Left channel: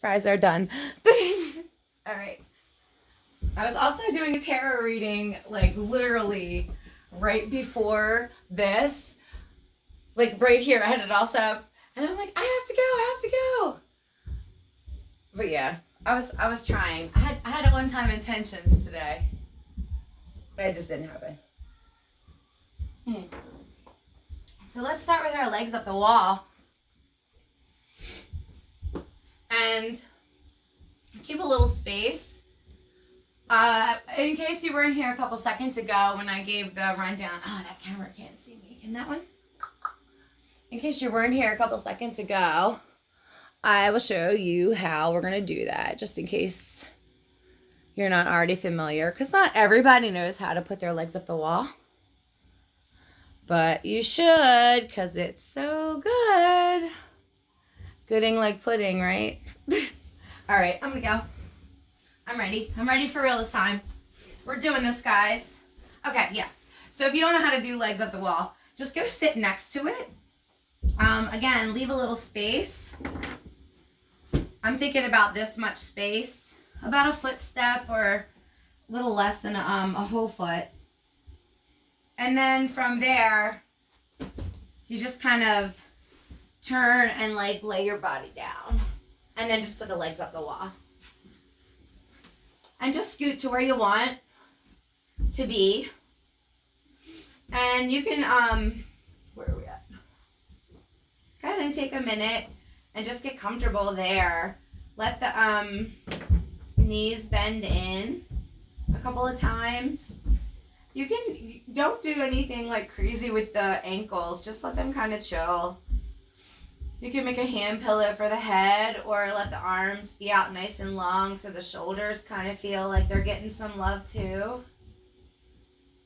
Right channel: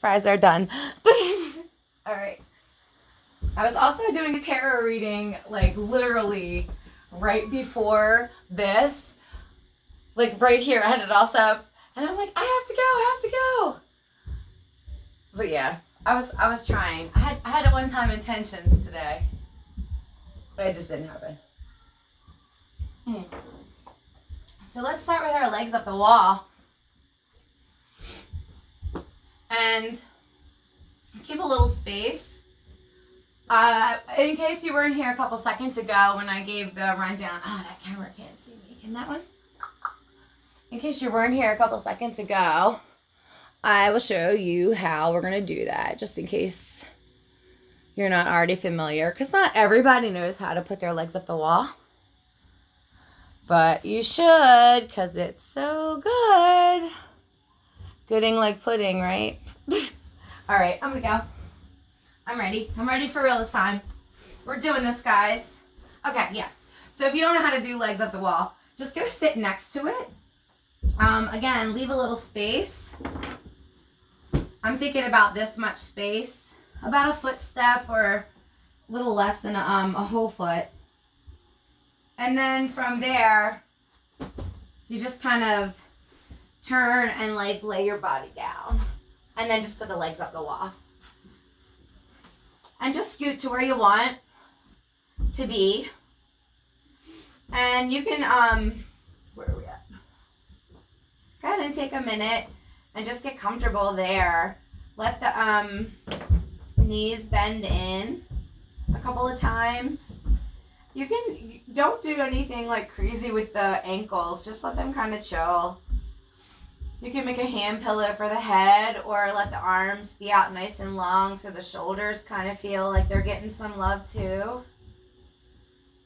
Fries are done. All right. I was also doing a tarot reading, like literally right before this, like right here. I had it all set up, and I'm like, I have to go. But yeah, I was trying. I had one-time intentions today, but it just didn't happen. So let's start with our legs up the wall. And keep a little space. In case you weren't here a couple seconds ago when I gave the rundown. That camera can't see me. Can that one? In case you weren't here a couple seconds ago, I will show you how we're going to do that, just in case you're not already familiar, because not everybody knows how to put their legs up the wall. But you should, because it's so good. Gooding like pudding, right? All right, I'm going to go. I'm ready. I'm ready for real this time. We're doing this, guys. Okay, yeah. So if you don't know how to do legs up the wall, just go sit next to it. Again, leave a little space. I'm thinking about this much space, about a footstep or a little less than a whole foot. And then from there, you just kind of turn and like lay your body down. And then just put the legs up the wall. And just scoot to where you want to be. And you can, where are we at? Go ahead and take a minute and just get comfortable there. Let the knees bend in a couple of times. Don't do anything like crazy with the ankles. Just let them kind of chill. You can make a hand pillow for the head, or let the arms be out nice and long so the shoulders kind of feel like they're getting some love too.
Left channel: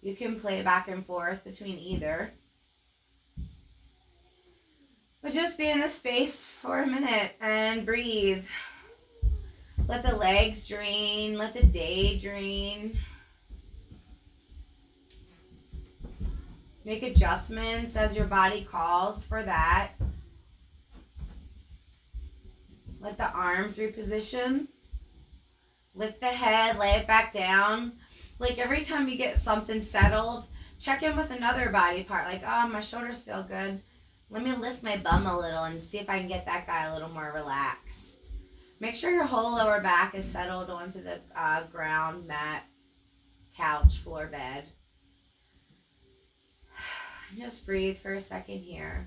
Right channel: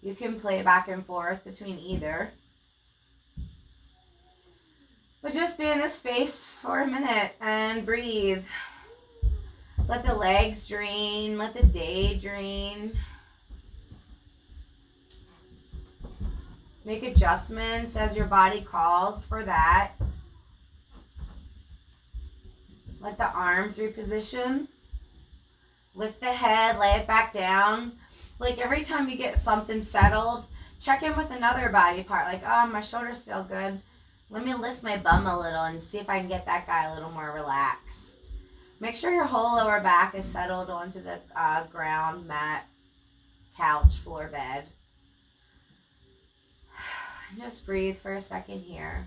You can play back and forth between either. But just be in this space for a minute and breathe. Let the legs drain. Let the day drain. Make adjustments as your body calls for that. Let the arms reposition. Lift the head, lay it back down. Like every time you get something settled, check in with another body part. Like, oh, my shoulders feel good. Let me lift my bum a little and see if I can get that guy a little more relaxed. Make sure your whole lower back is settled onto the ground, mat, couch, floor, bed. Just breathe for a second here.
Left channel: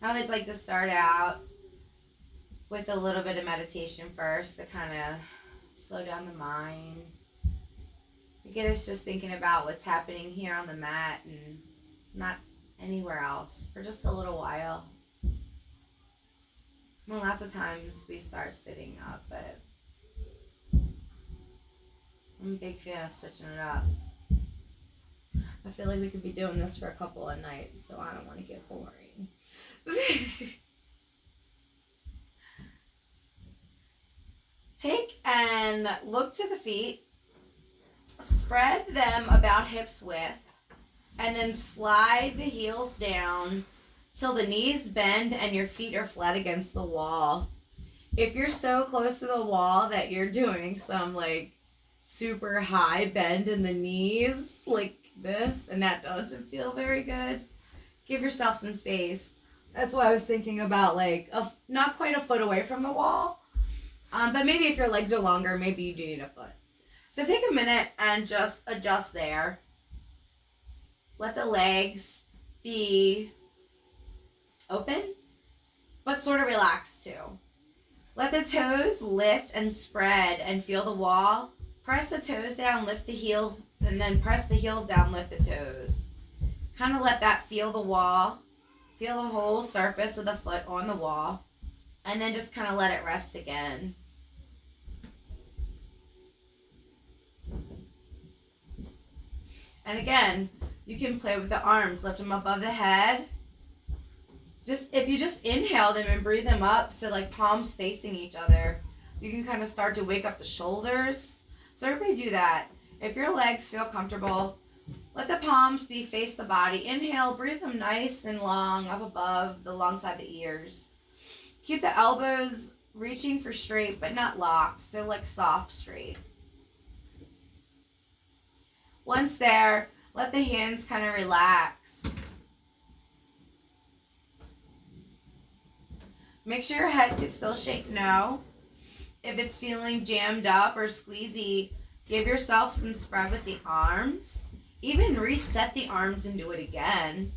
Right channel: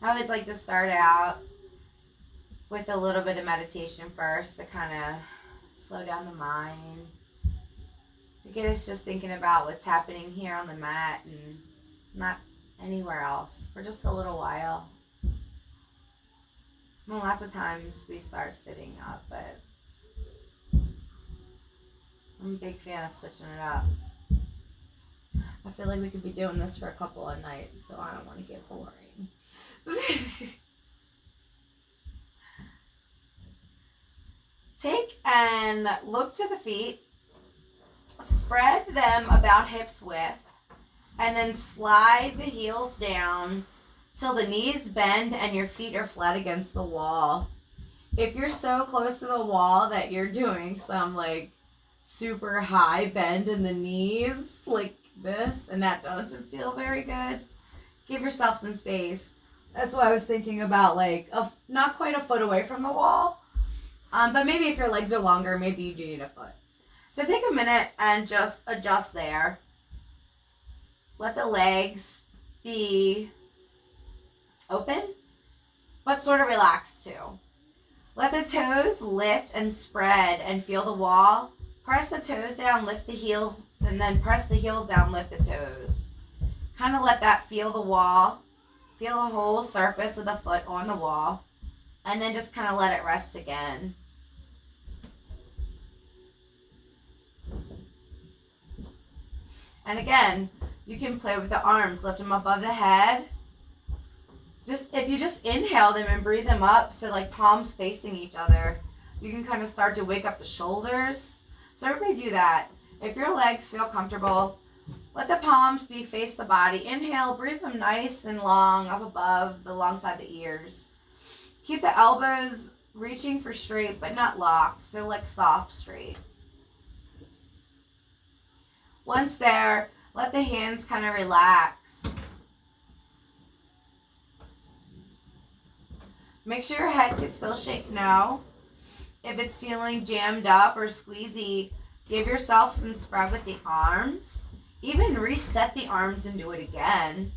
I always like to start out with a little bit of meditation first to kind of slow down the mind, to get us just thinking about what's happening here on the mat and not anywhere else for just a little while. Well, lots of times we start sitting up, but I'm a big fan of switching it up. I feel like we could be doing this for a couple of nights, so I don't want to get boring. Take and look to the feet. Spread them about hips width, and then slide the heels down till the knees bend and your feet are flat against the wall. If you're so close to the wall that you're doing some like super high bend in the knees like this, and that doesn't feel very good, give yourself some space. That's why I was thinking about like not quite a foot away from the wall, but maybe if your legs are longer, maybe you do need a foot. So take a minute and just adjust there. Let the legs be open, but sort of relaxed too. Let the toes lift and spread and feel the wall. Press the toes down, lift the heels, and then press the heels down, lift the toes. Kind of let that feel the wall. Feel the whole surface of the foot on the wall. And then just kind of let it rest again. And again, you can play with the arms. Lift them above the head. If you just inhale them and breathe them up, so like palms facing each other, you can kind of start to wake up the shoulders. So everybody do that. If your legs feel comfortable, let the palms be face the body. Inhale, breathe them nice and long up above the alongside the ears. Keep the elbows reaching for straight but not locked, so like soft straight. Once there, let the hands kind of relax. Make sure your head can still shake no. If it's feeling jammed up or squeezy, give yourself some spread with the arms. Even reset the arms and do it again.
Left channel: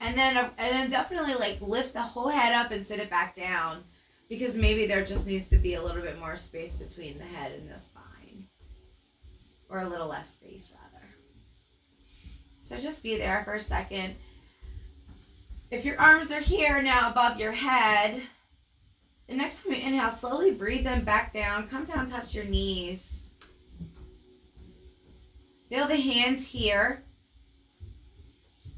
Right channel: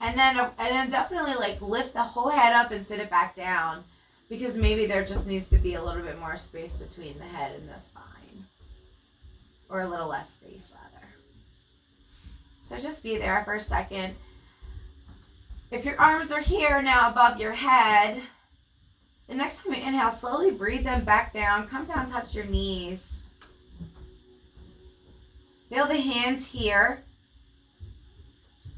And then definitely like lift the whole head up and sit it back down, because maybe there just needs to be a little bit more space between the head and the spine. Or a little less space rather. So just be there for a second. If your arms are here now above your head, the next time you inhale, slowly breathe them back down. Come down, touch your knees. Feel the hands here.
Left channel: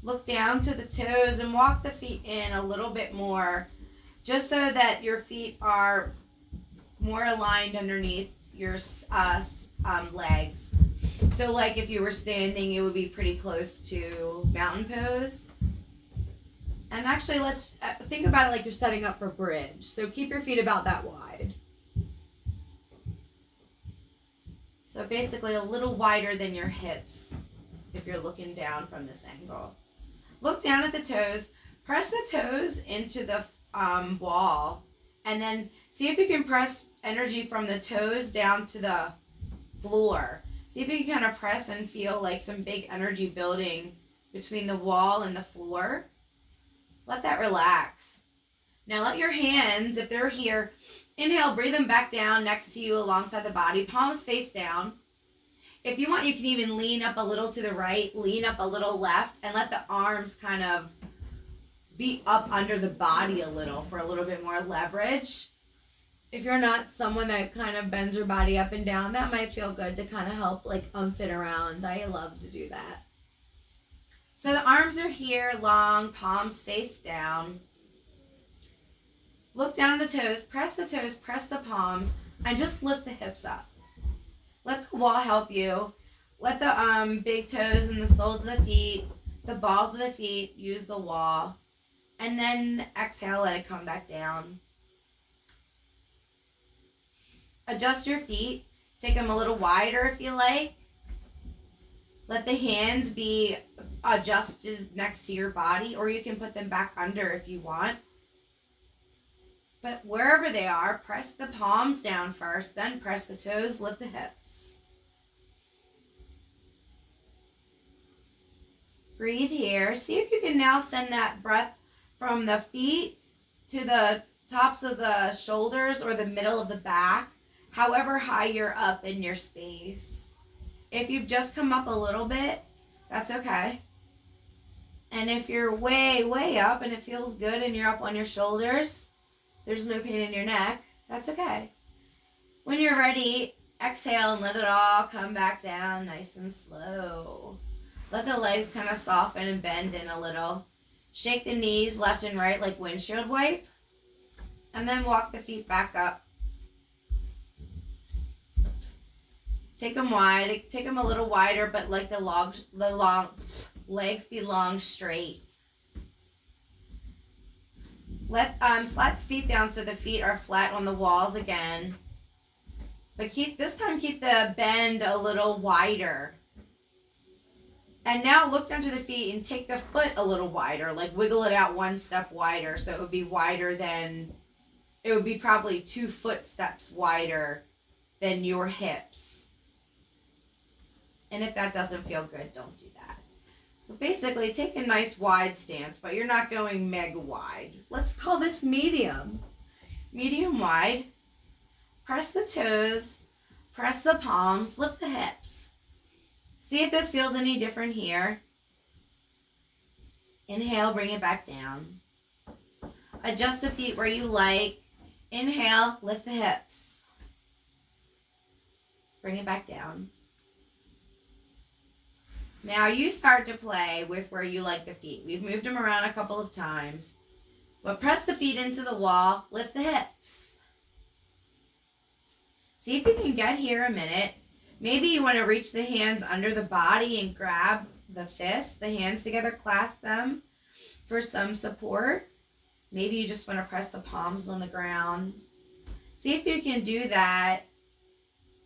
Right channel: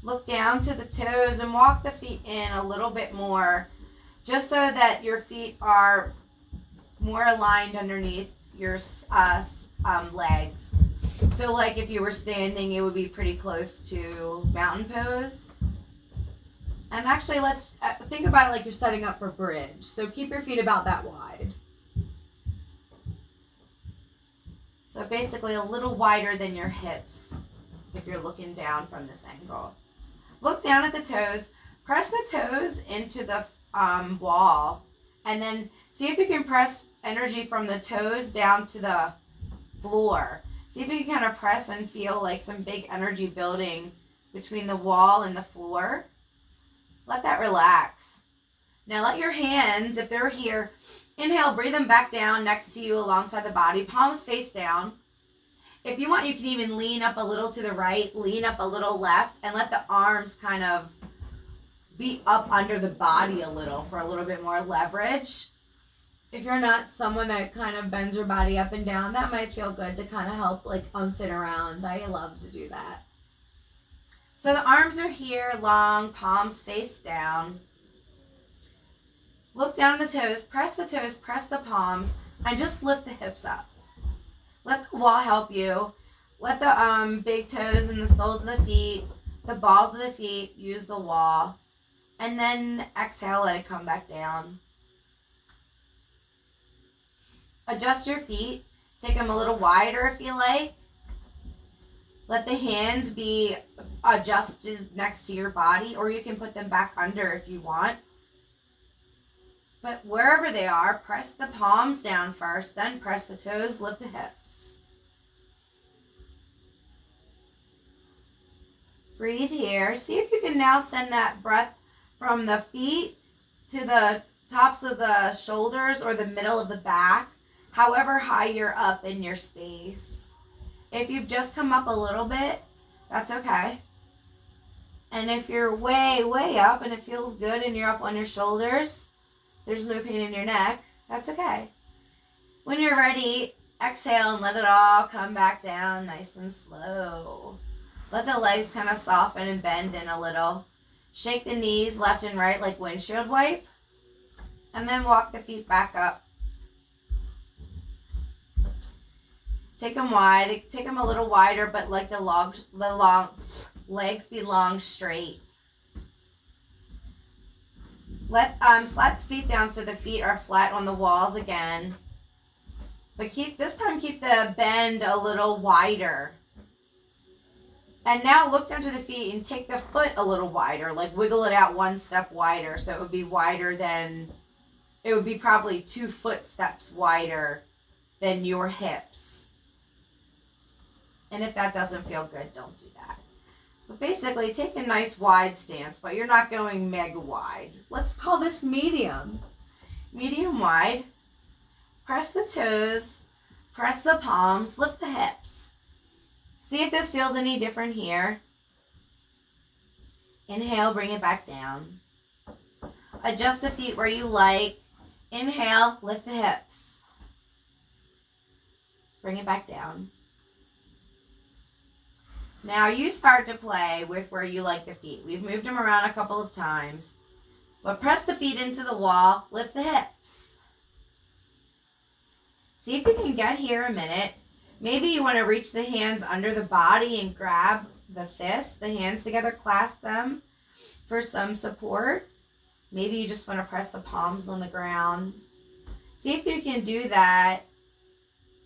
Look down to the toes and walk the feet in a little bit more, just so that your feet are more aligned underneath your legs. So like if you were standing, it would be pretty close to mountain pose. And actually, let's think about it like you're setting up for bridge. So keep your feet about that wide. So basically a little wider than your hips if you're looking down from this angle. Look down at the toes. Press the toes into the wall. And then see if you can press energy from the toes down to the floor. See if you can kind of press and feel like some big energy building between the wall and the floor. Let that relax. Now let your hands, if they're here, inhale, breathe them back down next to you alongside the body, palms face down. If you want, you can even lean up a little to the right, lean up a little left, and let the arms kind of be up under the body a little for a little bit more leverage. If you're not someone that kind of bends your body up and down, that might feel good to kind of help like unfit around. I love to do that. So the arms are here, long, palms face down. Look down the toes, press the palms, and just lift the hips up. Let the wall help you. Let the big toes and the soles of the feet, the balls of the feet use the wall. And then exhale, let it come back down. Adjust your feet. Take them a little wider if you like. Let the hands be adjusted next to your body, or you can put them back under if you want. But wherever they are, press the palms down first, then press the toes, lift the hips. Breathe here. See if you can now send that breath from the feet to the tops of the shoulders or the middle of the back, however high you're up in your space. If you've just come up a little bit, that's okay. And if you're way, way up and it feels good and you're up on your shoulders, there's no pain in your neck, that's okay. When you're ready, exhale and let it all come back down nice and slow. Let the legs kind of soften and bend in a little. Shake the knees left and right like windshield wipe. And then walk the feet back up. Take them wide. Take them a little wider, but like the long legs be long, straight. Slide the feet down so the feet are flat on the walls again. But this time keep the bend a little wider. And now look down to the feet and take the foot a little wider, like wiggle it out one step wider. So it would be wider than, it would be probably 2 footsteps wider than your hips. And if that doesn't feel good, don't do that. But basically, take a nice wide stance, but you're not going mega wide. Let's call this medium. Medium wide. Press the toes, press the palms, lift the hips. See if this feels any different here. Inhale, bring it back down. Adjust the feet where you like. Inhale, lift the hips. Bring it back down. Now you start to play with where you like the feet. We've moved them around a couple of times. But press the feet into the wall, lift the hips. See if you can get here a minute. Maybe you want to reach the hands under the body and grab the fists, the hands together, clasp them for some support. Maybe you just want to press the palms on the ground. See if you can do that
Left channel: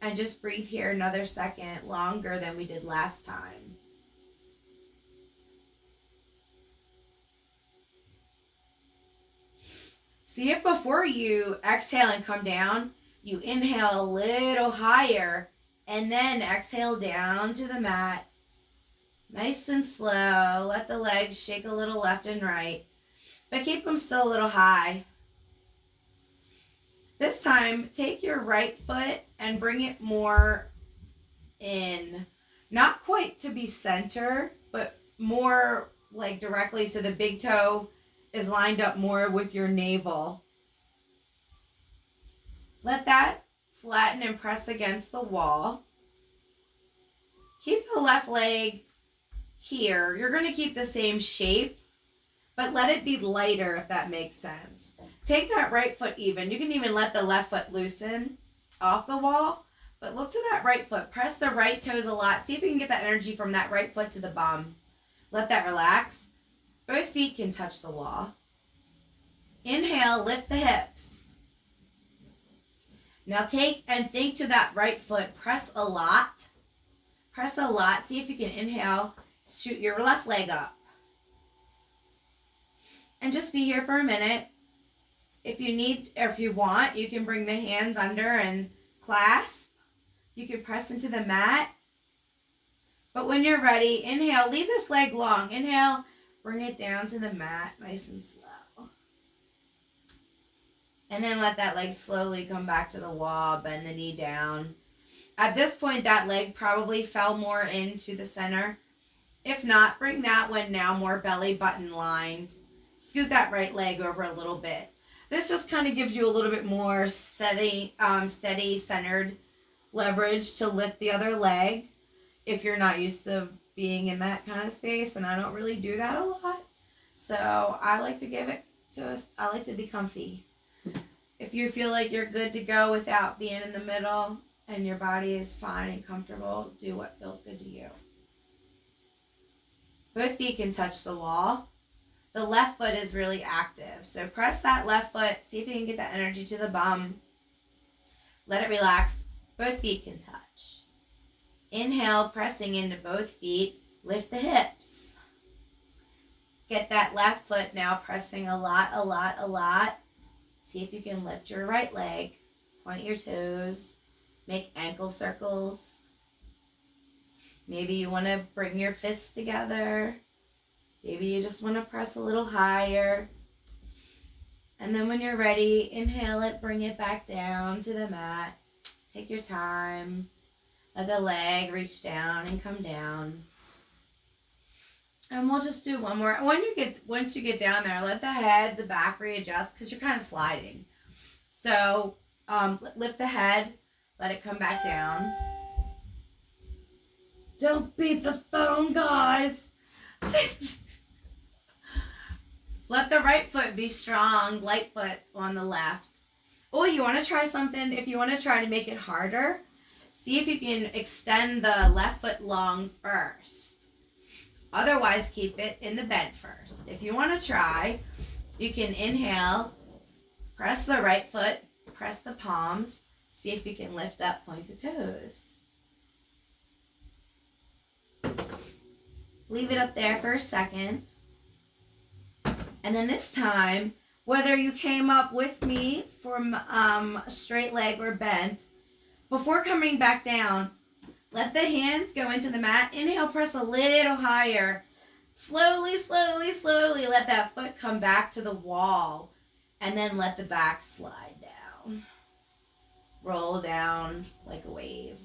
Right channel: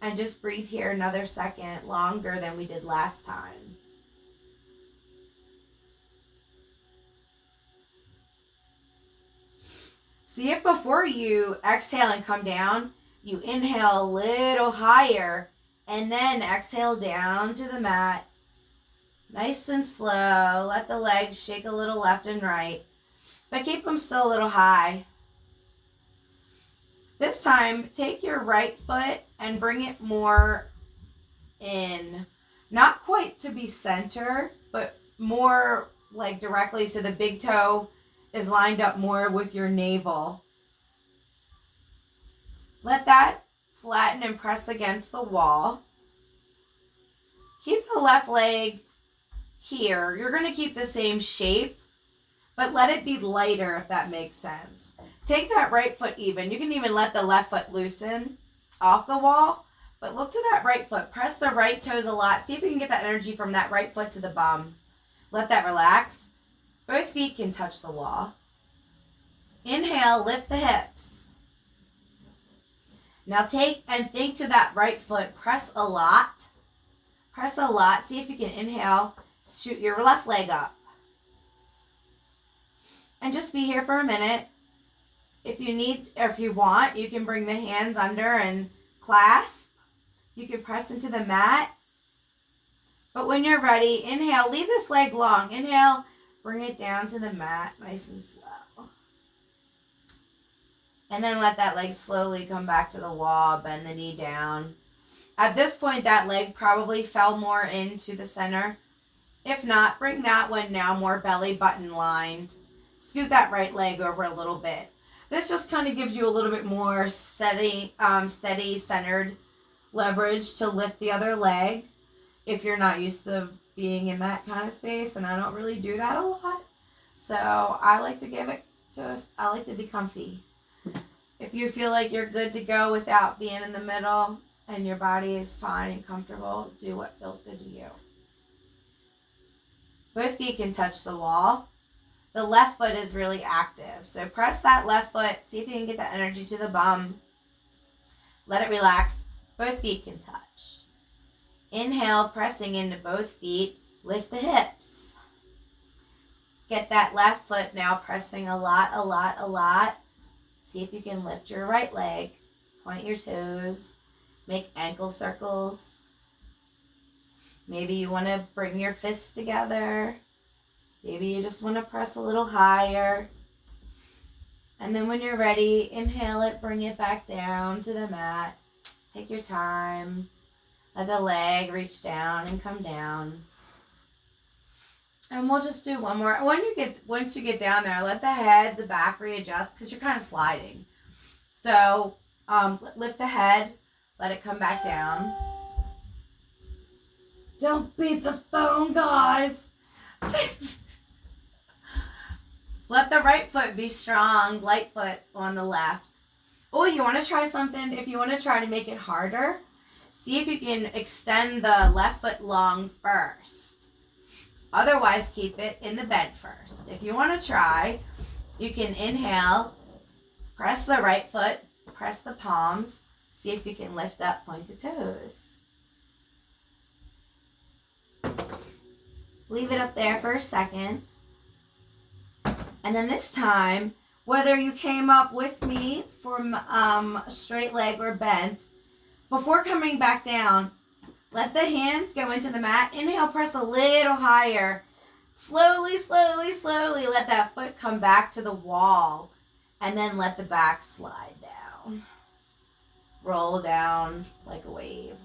and just breathe here another second longer than we did last time. See if before you exhale and come down, you inhale a little higher and then exhale down to the mat. Nice and slow. Let the legs shake a little left and right, but keep them still a little high. This time, take your right foot and bring it more in. Not quite to be center, but more like directly so the big toe is lined up more with your navel. Let that flatten and press against the wall. Keep the left leg here. You're going to keep the same shape, but let it be lighter if that makes sense. Take that right foot even. You can even let the left foot loosen off the wall, but look to that right foot. Press the right toes a lot. See if you can get that energy from that right foot to the bum. Let that relax. Both feet can touch the wall. Inhale, lift the hips. Now take and think to that right foot. Press a lot. Press a lot. See if you can inhale. Shoot your left leg up. And just be here for a minute. If you need, or if you want, you can bring the hands under and clasp. You can press into the mat. But when you're ready, inhale, leave this leg long. Inhale, bring it down to the mat, nice and slow. And then let that leg slowly come back to the wall, bend the knee down. At this point, that leg probably fell more into the center. If not, bring that one now more belly button lined. Scoot that right leg over a little bit. This just kind of gives you a little bit more steady, centered leverage to lift the other leg if you're not used to being in that kind of space, and I don't really do that a lot. So I like to I like to be comfy. If you feel like you're good to go without being in the middle and your body is fine and comfortable, do what feels good to you. Both feet can touch the wall. The left foot is really active. So press that left foot. See if you can get that energy to the bum. Let it relax. Both feet can touch. Inhale, pressing into both feet. Lift the hips. Get that left foot now pressing a lot. See if you can lift your right leg. Point your toes. Make ankle circles. Maybe you want to bring your fists together. Maybe you just want to press a little higher. And then when you're ready, inhale it, bring it back down to the mat. Take your time. Let the leg reach down and come down. And we'll just do one more. Once you get down there, let the head, the back readjust because you're kind of sliding. So lift the head, let it come back down. Don't beat the phone, guys. Let the right foot be strong, light foot on the left. Oh, you want to try something? If you want to try to make it harder, see if you can extend the left foot long first. Otherwise, keep it in the bed first. If you want to try, you can inhale, press the right foot, press the palms, see if you can lift up, point the toes. Leave it up there for a second. And then this time, whether you came up with me from straight leg or bent, before coming back down, let the hands go into the mat. Inhale, press a little higher. Slowly, let that foot come back to the wall. And then let the back slide down. Roll down like a wave.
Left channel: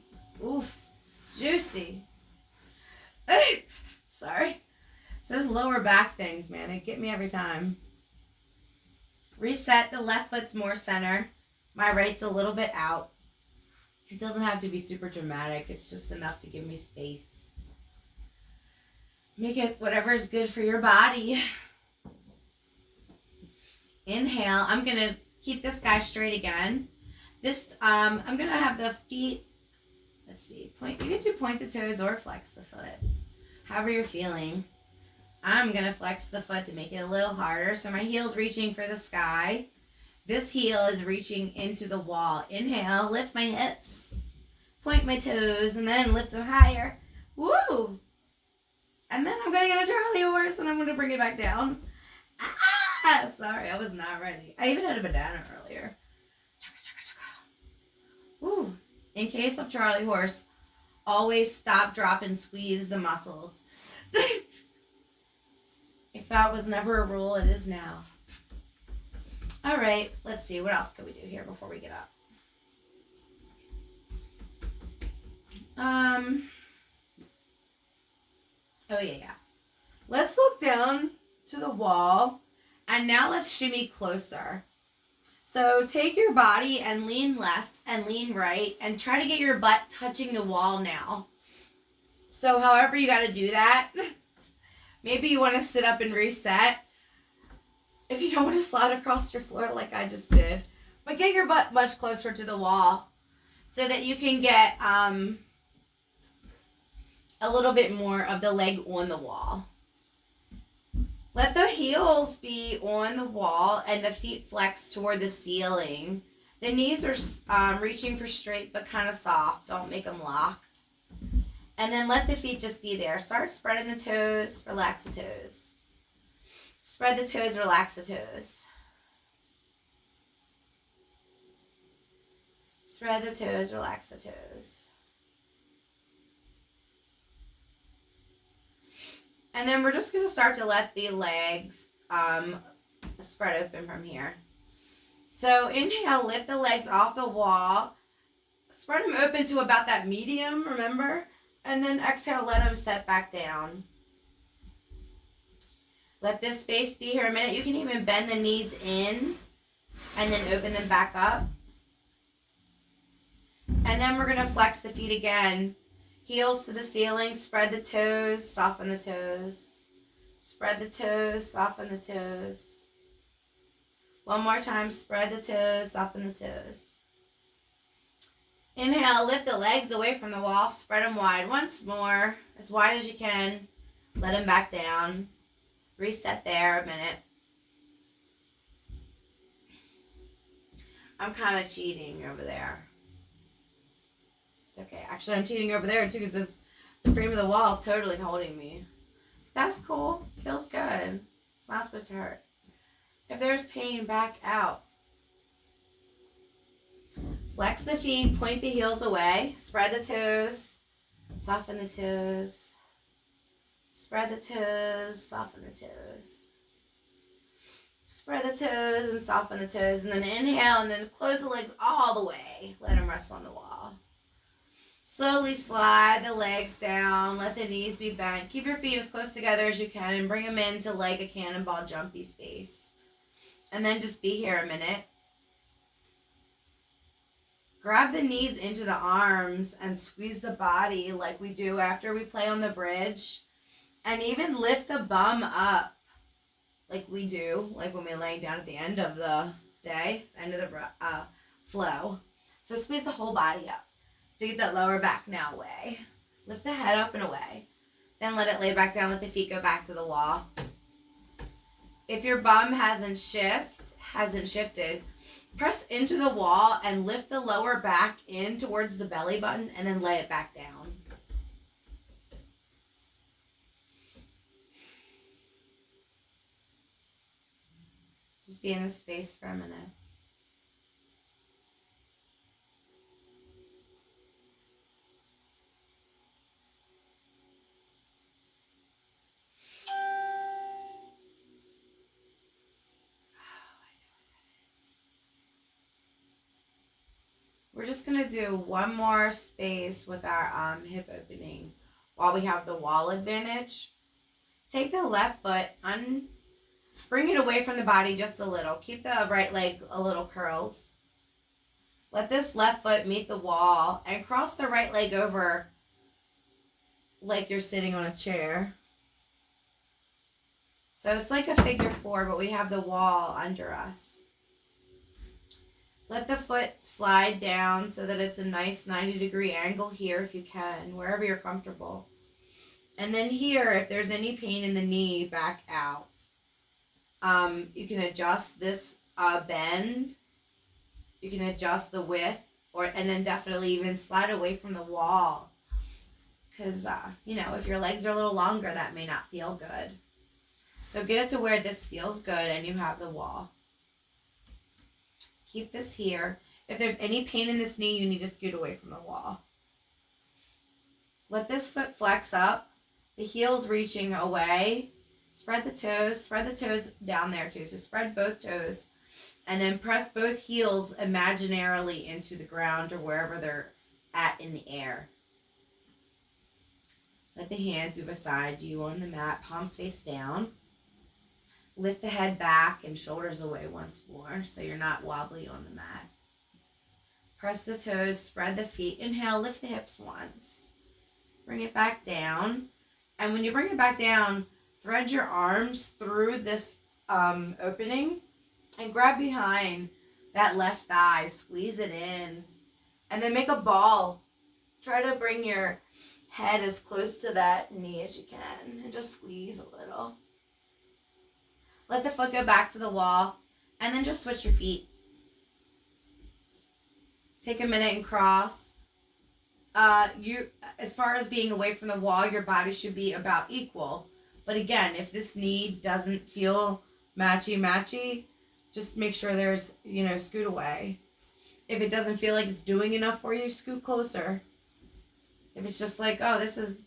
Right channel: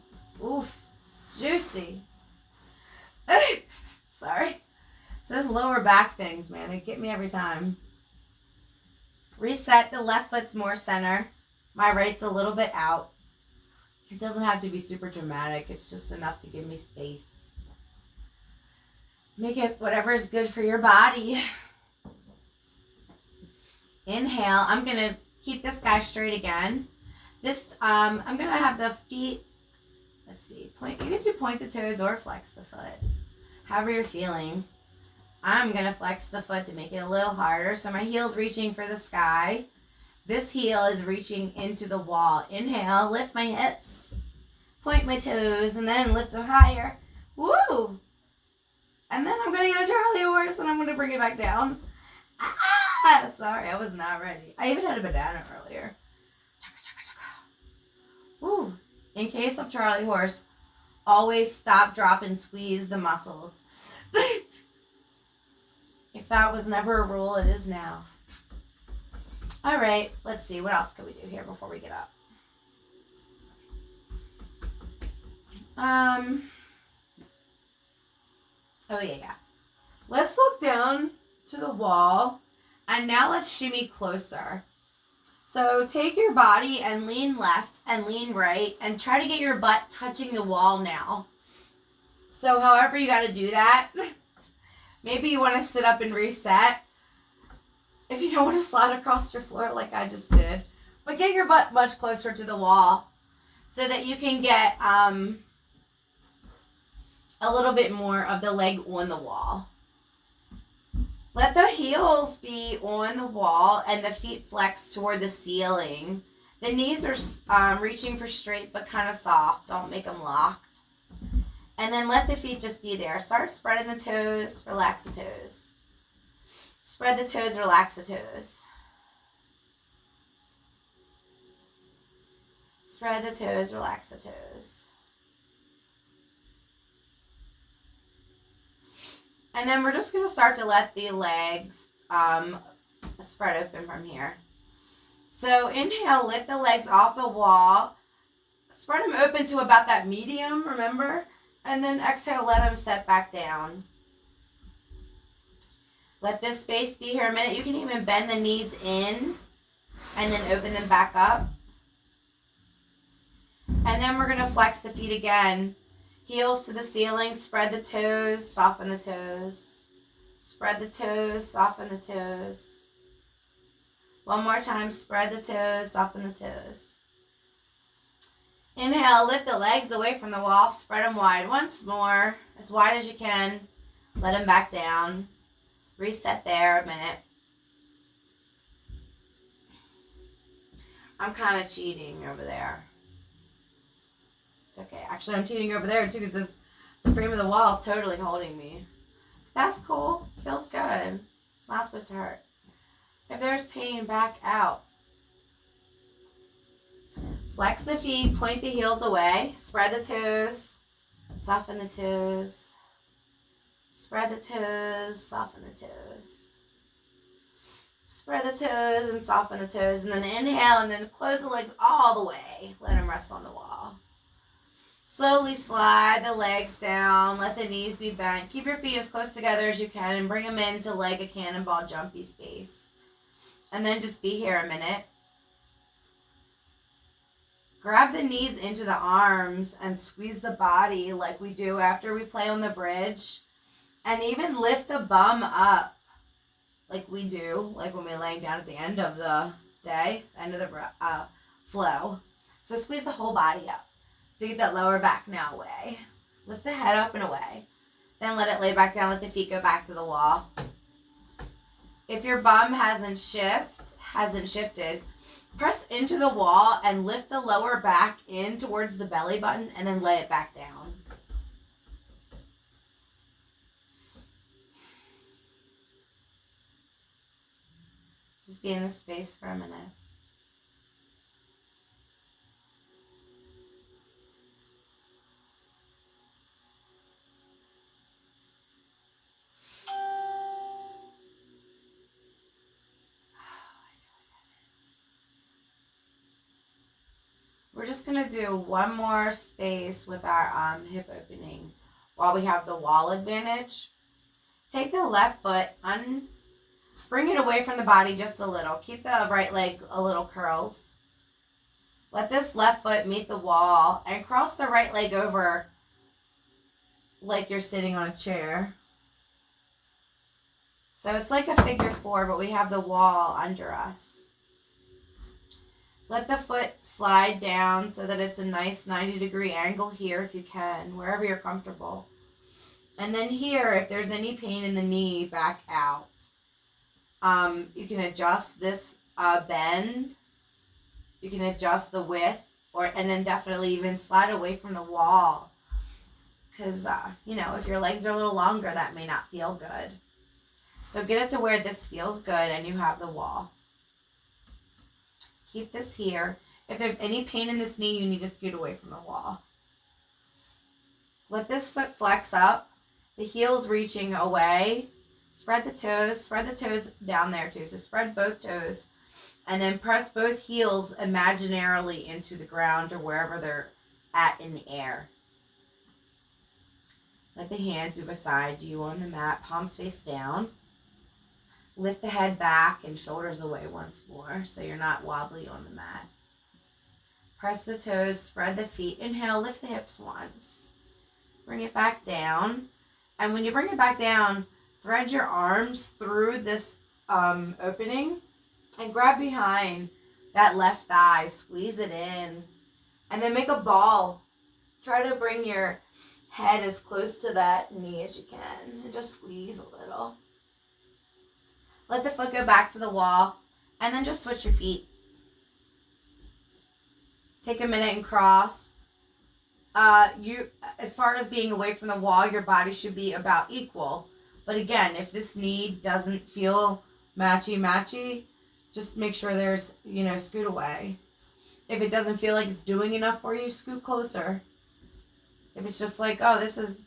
Oof, juicy. Sorry. So those lower back things, man, they get me every time. Reset. The left foot's more center. My right's a little bit out. It doesn't have to be super dramatic. It's just enough to give me space. Make it whatever is good for your body. Inhale. I'm going to keep this guy straight again. I'm going to have the feet let's see. You can do point the toes or flex the foot. However you're feeling. I'm going to flex the foot to make it a little harder. So my heel's reaching for the sky. This heel is reaching into the wall. Inhale, lift my hips. Point my toes and then lift them higher. Woo! And then I'm going to get a Charlie horse and I'm going to bring it back down. Ah! Sorry, I was not ready. I even had a banana earlier. Woo! In case of Charlie horse, always stop, drop, and squeeze the muscles. If that was never a rule, it is now. All right, let's see. What else can we do here before we get up? Oh, yeah. Let's look down to the wall, and now let's shimmy closer. So take your body and lean left and lean right, and try to get your butt touching the wall now. So however you got to do that, maybe you want to sit up and reset. If you don't want to slide across your floor like I just did. But get your butt much closer to the wall so that you can get a little bit more of the leg on the wall. Let the heels be on the wall and the feet flex toward the ceiling. The knees are reaching for straight but kind of soft. Don't make them locked. And then let the feet just be there. Start spreading the toes, relax the toes. Spread the toes, relax the toes. Spread the toes, relax the toes. And then we're just going to start to let the legs spread open from here. So inhale, lift the legs off the wall. Spread them open to about that medium, remember? And then exhale, let them step back down. Let this space be here a minute. You can even bend the knees in and then open them back up. And then we're going to flex the feet again. Heels to the ceiling, spread the toes, soften the toes. Spread the toes, soften the toes. One more time, spread the toes, soften the toes. Inhale, lift the legs away from the wall, spread them wide. Once more, as wide as you can. Let them back down. Reset there a minute. I'm kind of cheating over there. It's okay. Actually, I'm cheating over there too because the frame of the wall is totally holding me. That's cool. Feels good. It's not supposed to hurt. If there's pain, back out. Flex the feet, point the heels away. Spread the toes. Soften the toes. Spread the toes, soften the toes. Spread the toes and soften the toes. And then inhale and then close the legs all the way. Let them rest on the wall. Slowly slide the legs down. Let the knees be bent. Keep your feet as close together as you can and bring them into like a cannonball jumpy space. And then just be here a minute. Grab the knees into the arms and squeeze the body like we do after we play on the bridge. And even lift the bum up like we do, like when we're laying down at the end of the day, end of the flow. So squeeze the whole body up. So you get that lower back now away. Lift the head up and away. Then let it lay back down. Let the feet go back to the wall. If your bum hasn't shifted, press into the wall and lift the lower back in towards the belly button and then lay it back down. Just be in this space for a minute. We're just going to do one more space with our hip opening while we have the wall advantage. Take the left foot, bring it away from the body just a little. Keep the right leg a little curled. Let this left foot meet the wall and cross the right leg over like you're sitting on a chair. So it's like a figure four, but we have the wall under us. Let the foot slide down so that it's a nice 90-degree angle here if you can, wherever you're comfortable. And then here, if there's any pain in the knee, back out. You can adjust this bend. You can adjust the width, and then definitely even slide away from the wall. Because, if your legs are a little longer, that may not feel good. So get it to where this feels good and you have the wall. Keep this here. If there's any pain in this knee, you need to scoot away from the wall. Let this foot flex up. The heel's reaching away. Spread the toes down there too. So spread both toes. And then press both heels imaginarily into the ground or wherever they're at in the air. Let the hands be beside you on the mat, palms face down. Lift the head back and shoulders away once more so you're not wobbly on the mat. Press the toes, spread the feet. Inhale, lift the hips once. Bring it back down. And when you bring it back down, thread your arms through this opening and grab behind that left thigh. Squeeze it in. And then make a ball. Try to bring your head as close to that knee as you can. And just squeeze a little. Let the foot go back to the wall. And then just switch your feet. Take a minute and cross. As far as being away from the wall, your body should be about equal. But again, if this knee doesn't feel matchy, just make sure there's, scoot away. If it doesn't feel like it's doing enough for you, scoot closer. If it's just like, oh, this is,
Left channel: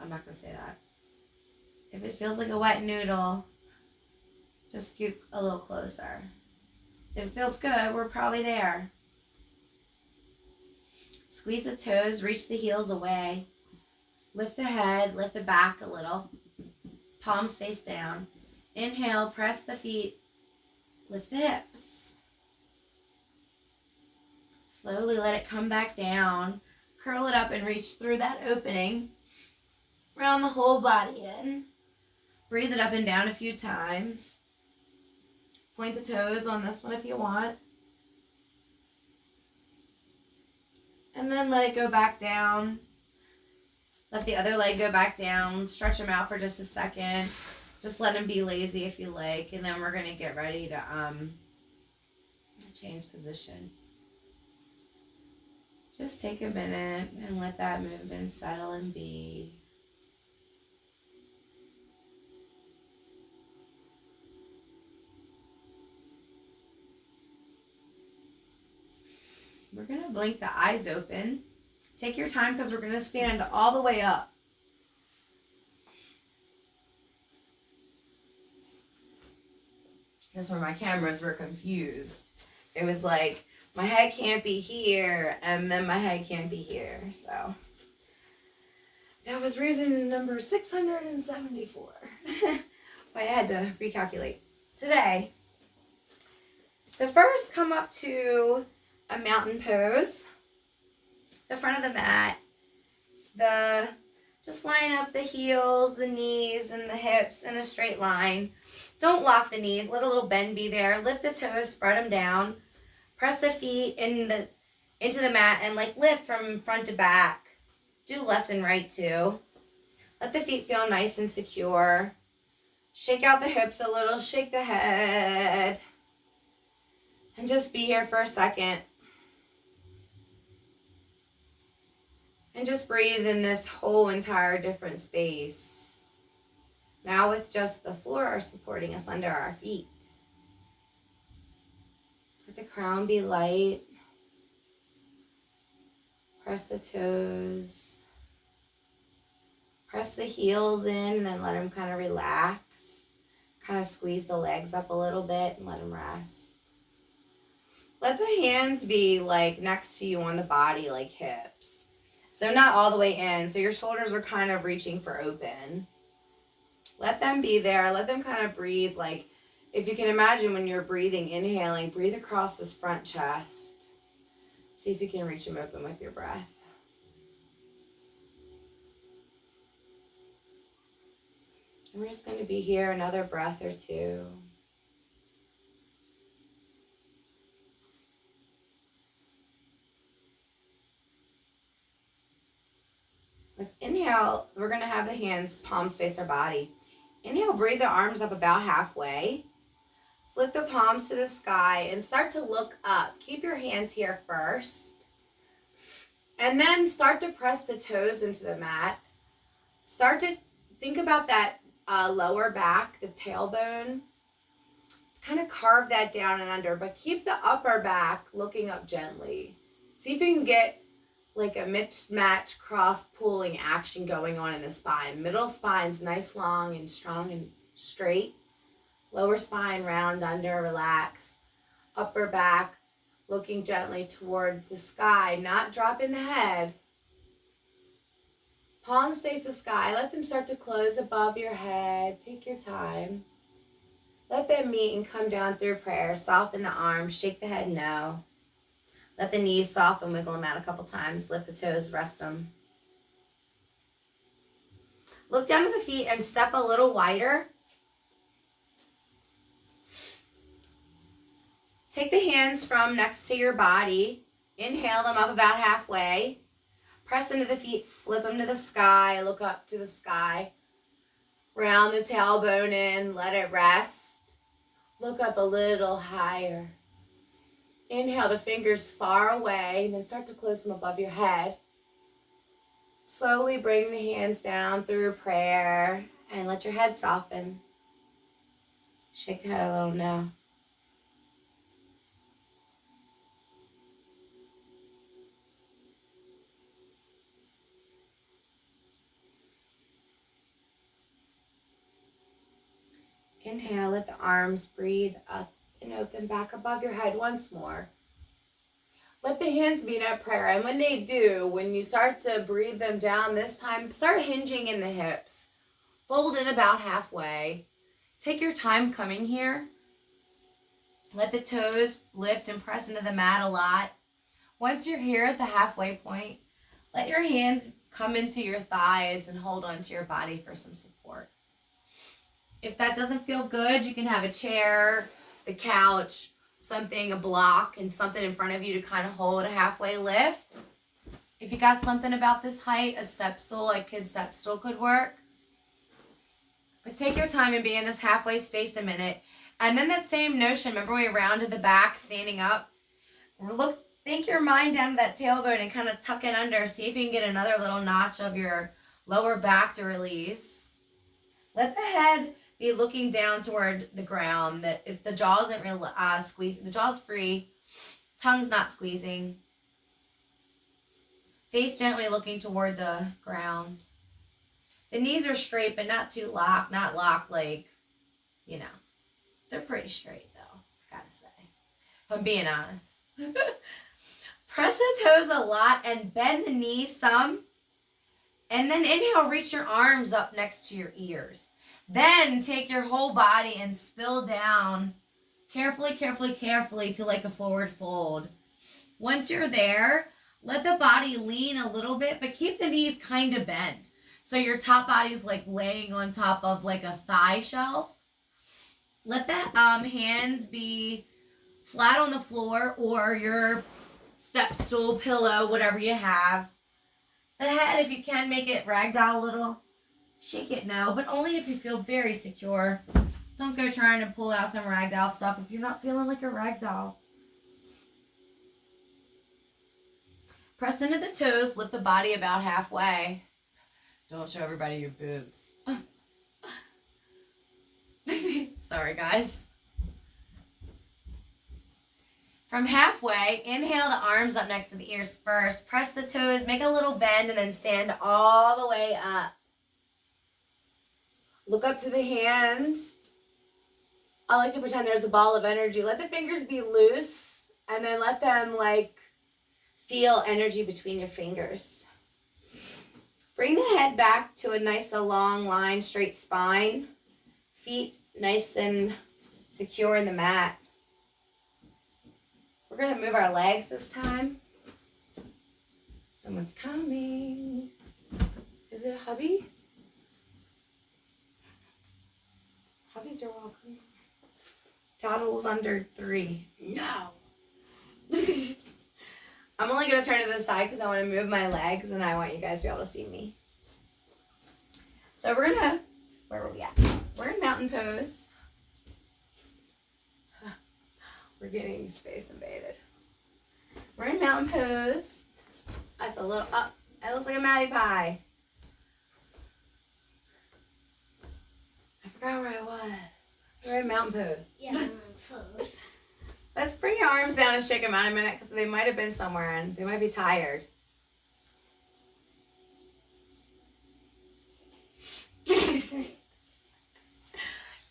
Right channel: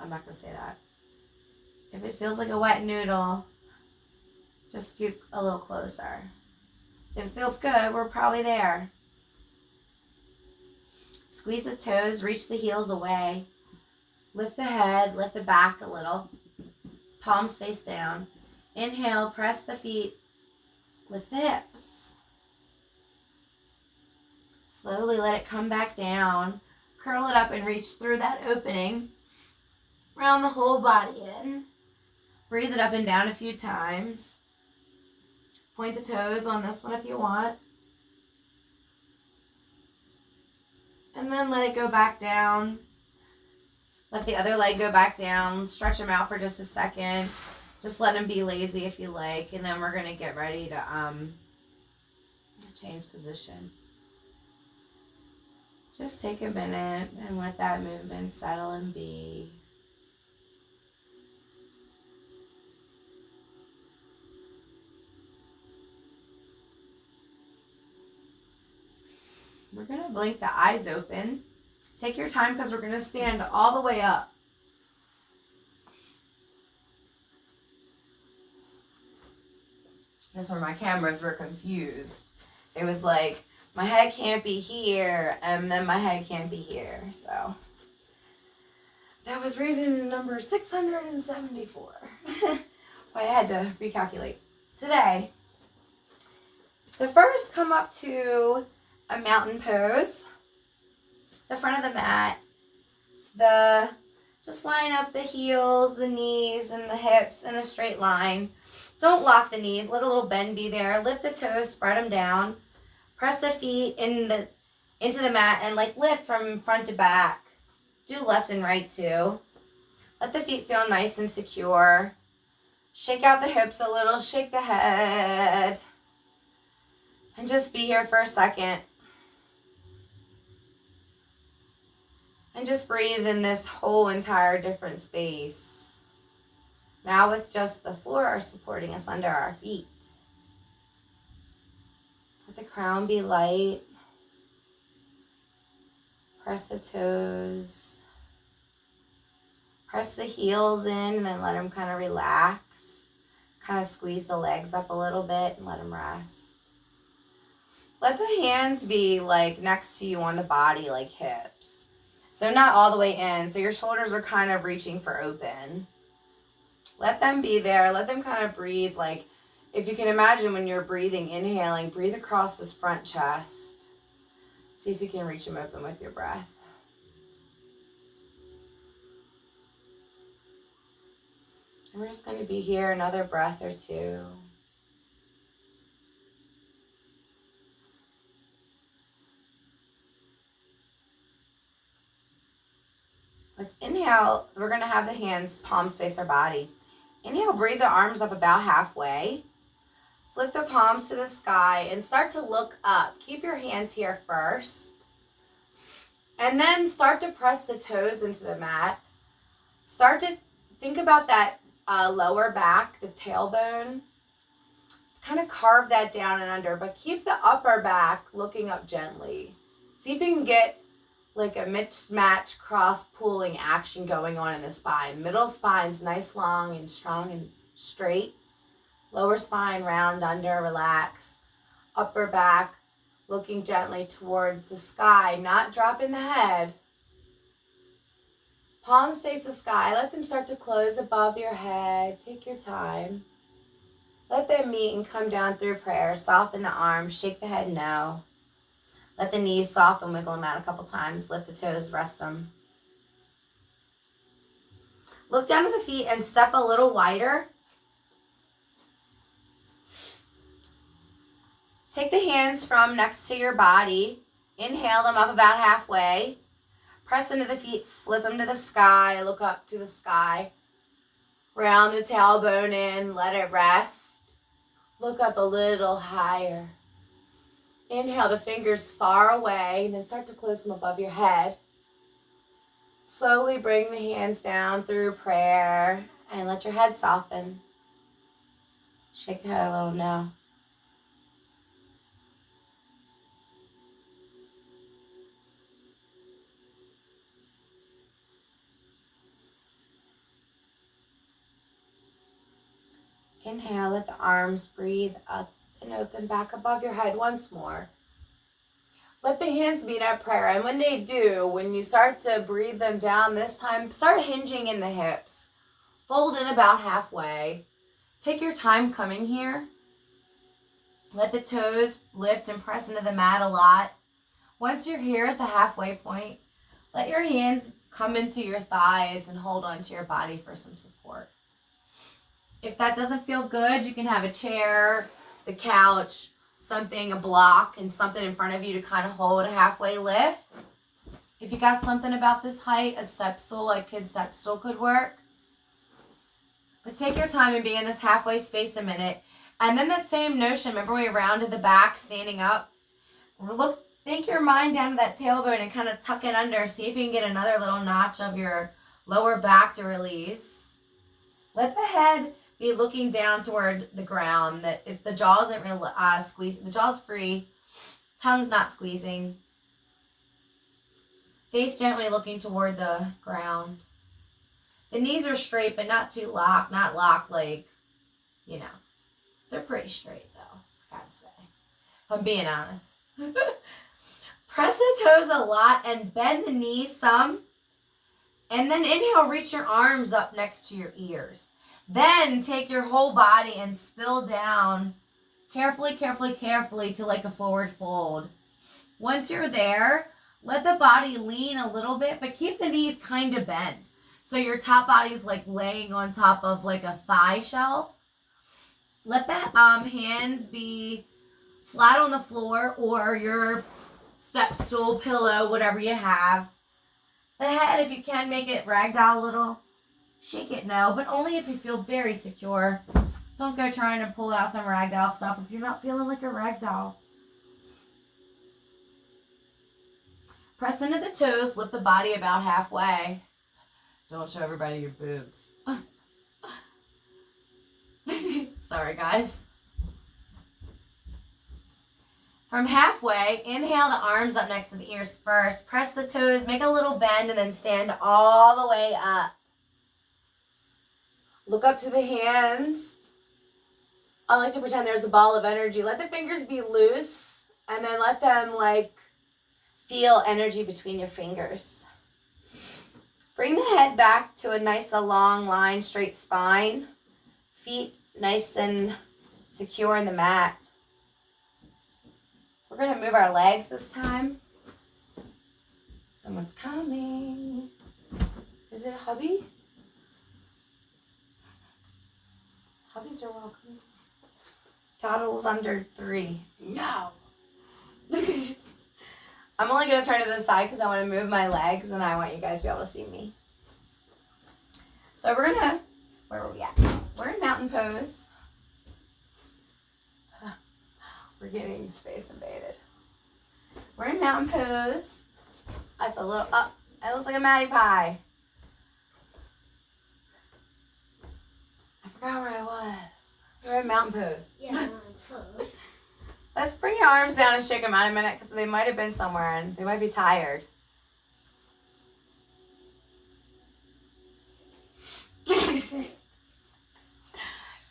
I'm not going to say that. If it feels like a wet noodle, just scoot a little closer. If it feels good, we're probably there. Squeeze the toes, reach the heels away. Lift the head, lift the back a little. Palms face down. Inhale, press the feet. Lift the hips. Slowly let it come back down. Curl it up and reach through that opening. Round the whole body in. Breathe it up and down a few times. Point the toes on this one if you want. And then let it go back down. Let the other leg go back down. Stretch them out for just a second. Just let them be lazy if you like. And then we're going to get ready to change position. Just take a minute and let that movement settle and be. We're going to blink the eyes open. Take your time because we're going to stand all the way up. That's where my cameras were confused. It was like, my head can't be here, and then my head can't be here. So that was reason number 674. Why I had to recalculate today. So first, come up to a mountain pose. The front of the mat. Just line up the heels, the knees, and the hips in a straight line. Don't lock the knees. Let a little bend be there. Lift the toes, spread them down. Press the feet into the mat and lift from front to back. Do left and right too. Let the feet feel nice and secure. Shake out the hips a little. Shake the head. And just be here for a second. And just breathe in this whole entire different space. Now with just the floor supporting us under our feet. Let the crown be light. Press the toes. Press the heels in and then let them kind of relax. Kind of squeeze the legs up a little bit and let them rest. Let the hands be next to you on the body like hips. So not all the way in. So your shoulders are kind of reaching for open. Let them be there. Let them kind of breathe. If you can imagine when you're breathing, inhaling, breathe across this front chest. See if you can reach them open with your breath. And we're just going to be here another breath or two. inhale, we're going to have the hands palms face our body. Inhale, breathe the arms up about halfway. Flip the palms to the sky and start to look up. Keep your hands here first. And then start to press the toes into the mat. Start to think about that lower back, the tailbone. Kind of carve that down and under, but keep the upper back looking up gently. See if you can get like a mismatch cross pulling action going on in the spine. Middle spine's nice, long and strong and straight. Lower spine round under, relax. Upper back looking gently towards the sky, not dropping the head. Palms face the sky. Let them start to close above your head. Take your time. Let them meet and come down through prayer. Soften the arms. Shake the head no. Let the knees soften. Wiggle them out a couple times. Lift the toes. Rest them. Look down at the feet and step a little wider. Take the hands from next to your body. Inhale them up about halfway. Press into the feet. Flip them to the sky. Look up to the sky. Round the tailbone in. Let it rest. Look up a little higher. Inhale the fingers far away. And then start to close them above your head. Slowly bring the hands down through prayer. And let your head soften. Shake the head a little now. Inhale, let the arms breathe up and open back above your head once more. Let the hands meet at prayer. And when they do, when you start to breathe them down this time, start hinging in the hips. Fold in about halfway. Take your time coming here. Let the toes lift and press into the mat a lot. Once you're here at the halfway point, let your hands come into your thighs and hold onto your body for some support. If that doesn't feel good, you can have a chair, the couch, something, a block, and something in front of you to kind of hold a halfway lift. If you got something about this height, a step stool, like kid step stool could work. But take your time and be in this halfway space a minute. And then that same notion, remember we rounded the back, standing up? Think your mind down to that tailbone and kind of tuck it under. See if you can get another little notch of your lower back to release. Let the head be looking down toward the ground. That if the jaw isn't real squeezing, the jaw's free, tongue's not squeezing. Face gently looking toward the ground. The knees are straight, but not too locked. Not locked like, you know. They're pretty straight though, gotta say. If I'm being honest. Press the toes a lot and bend the knees some. And then inhale, reach your arms up next to your ears. Then take your whole body and spill down carefully, carefully, carefully to like a forward fold. Once you're there, let the body lean a little bit, but keep the knees kind of bent. So your top body is like laying on top of like a thigh shelf. Let the hands be flat on the floor or your step stool, pillow, whatever you have. The head, if you can, make it ragdoll a little. Shake it no, but only if you feel very secure. Don't go trying to pull out some ragdoll stuff if you're not feeling like a ragdoll. Press into the toes, lift the body about halfway. Don't show everybody your boobs. Sorry, guys. From halfway, inhale the arms up next to the ears first. Press the toes, make a little bend, and then stand all the way up. Look up to the hands. I like to pretend there's a ball of energy. Let the fingers be loose, and then let them like feel energy between your fingers. Bring the head back to a nice long line, straight spine. Feet nice and secure in the mat. We're going to move our legs this time. Someone's coming. Is it hubby? Hubbies are welcome. Toddles under 3. No. I'm only going to turn to the side because I want to move my legs and I want you guys to be able to see me. So we're gonna, where were we at? We're in mountain pose. We're getting space invaded. We're in mountain pose. That's a little up. That looks like a Matty Pie. I forgot where I was. We're in mountain pose. Yeah, mountain pose. Let's bring your arms down and shake them out a minute because they might have been somewhere and they might be tired.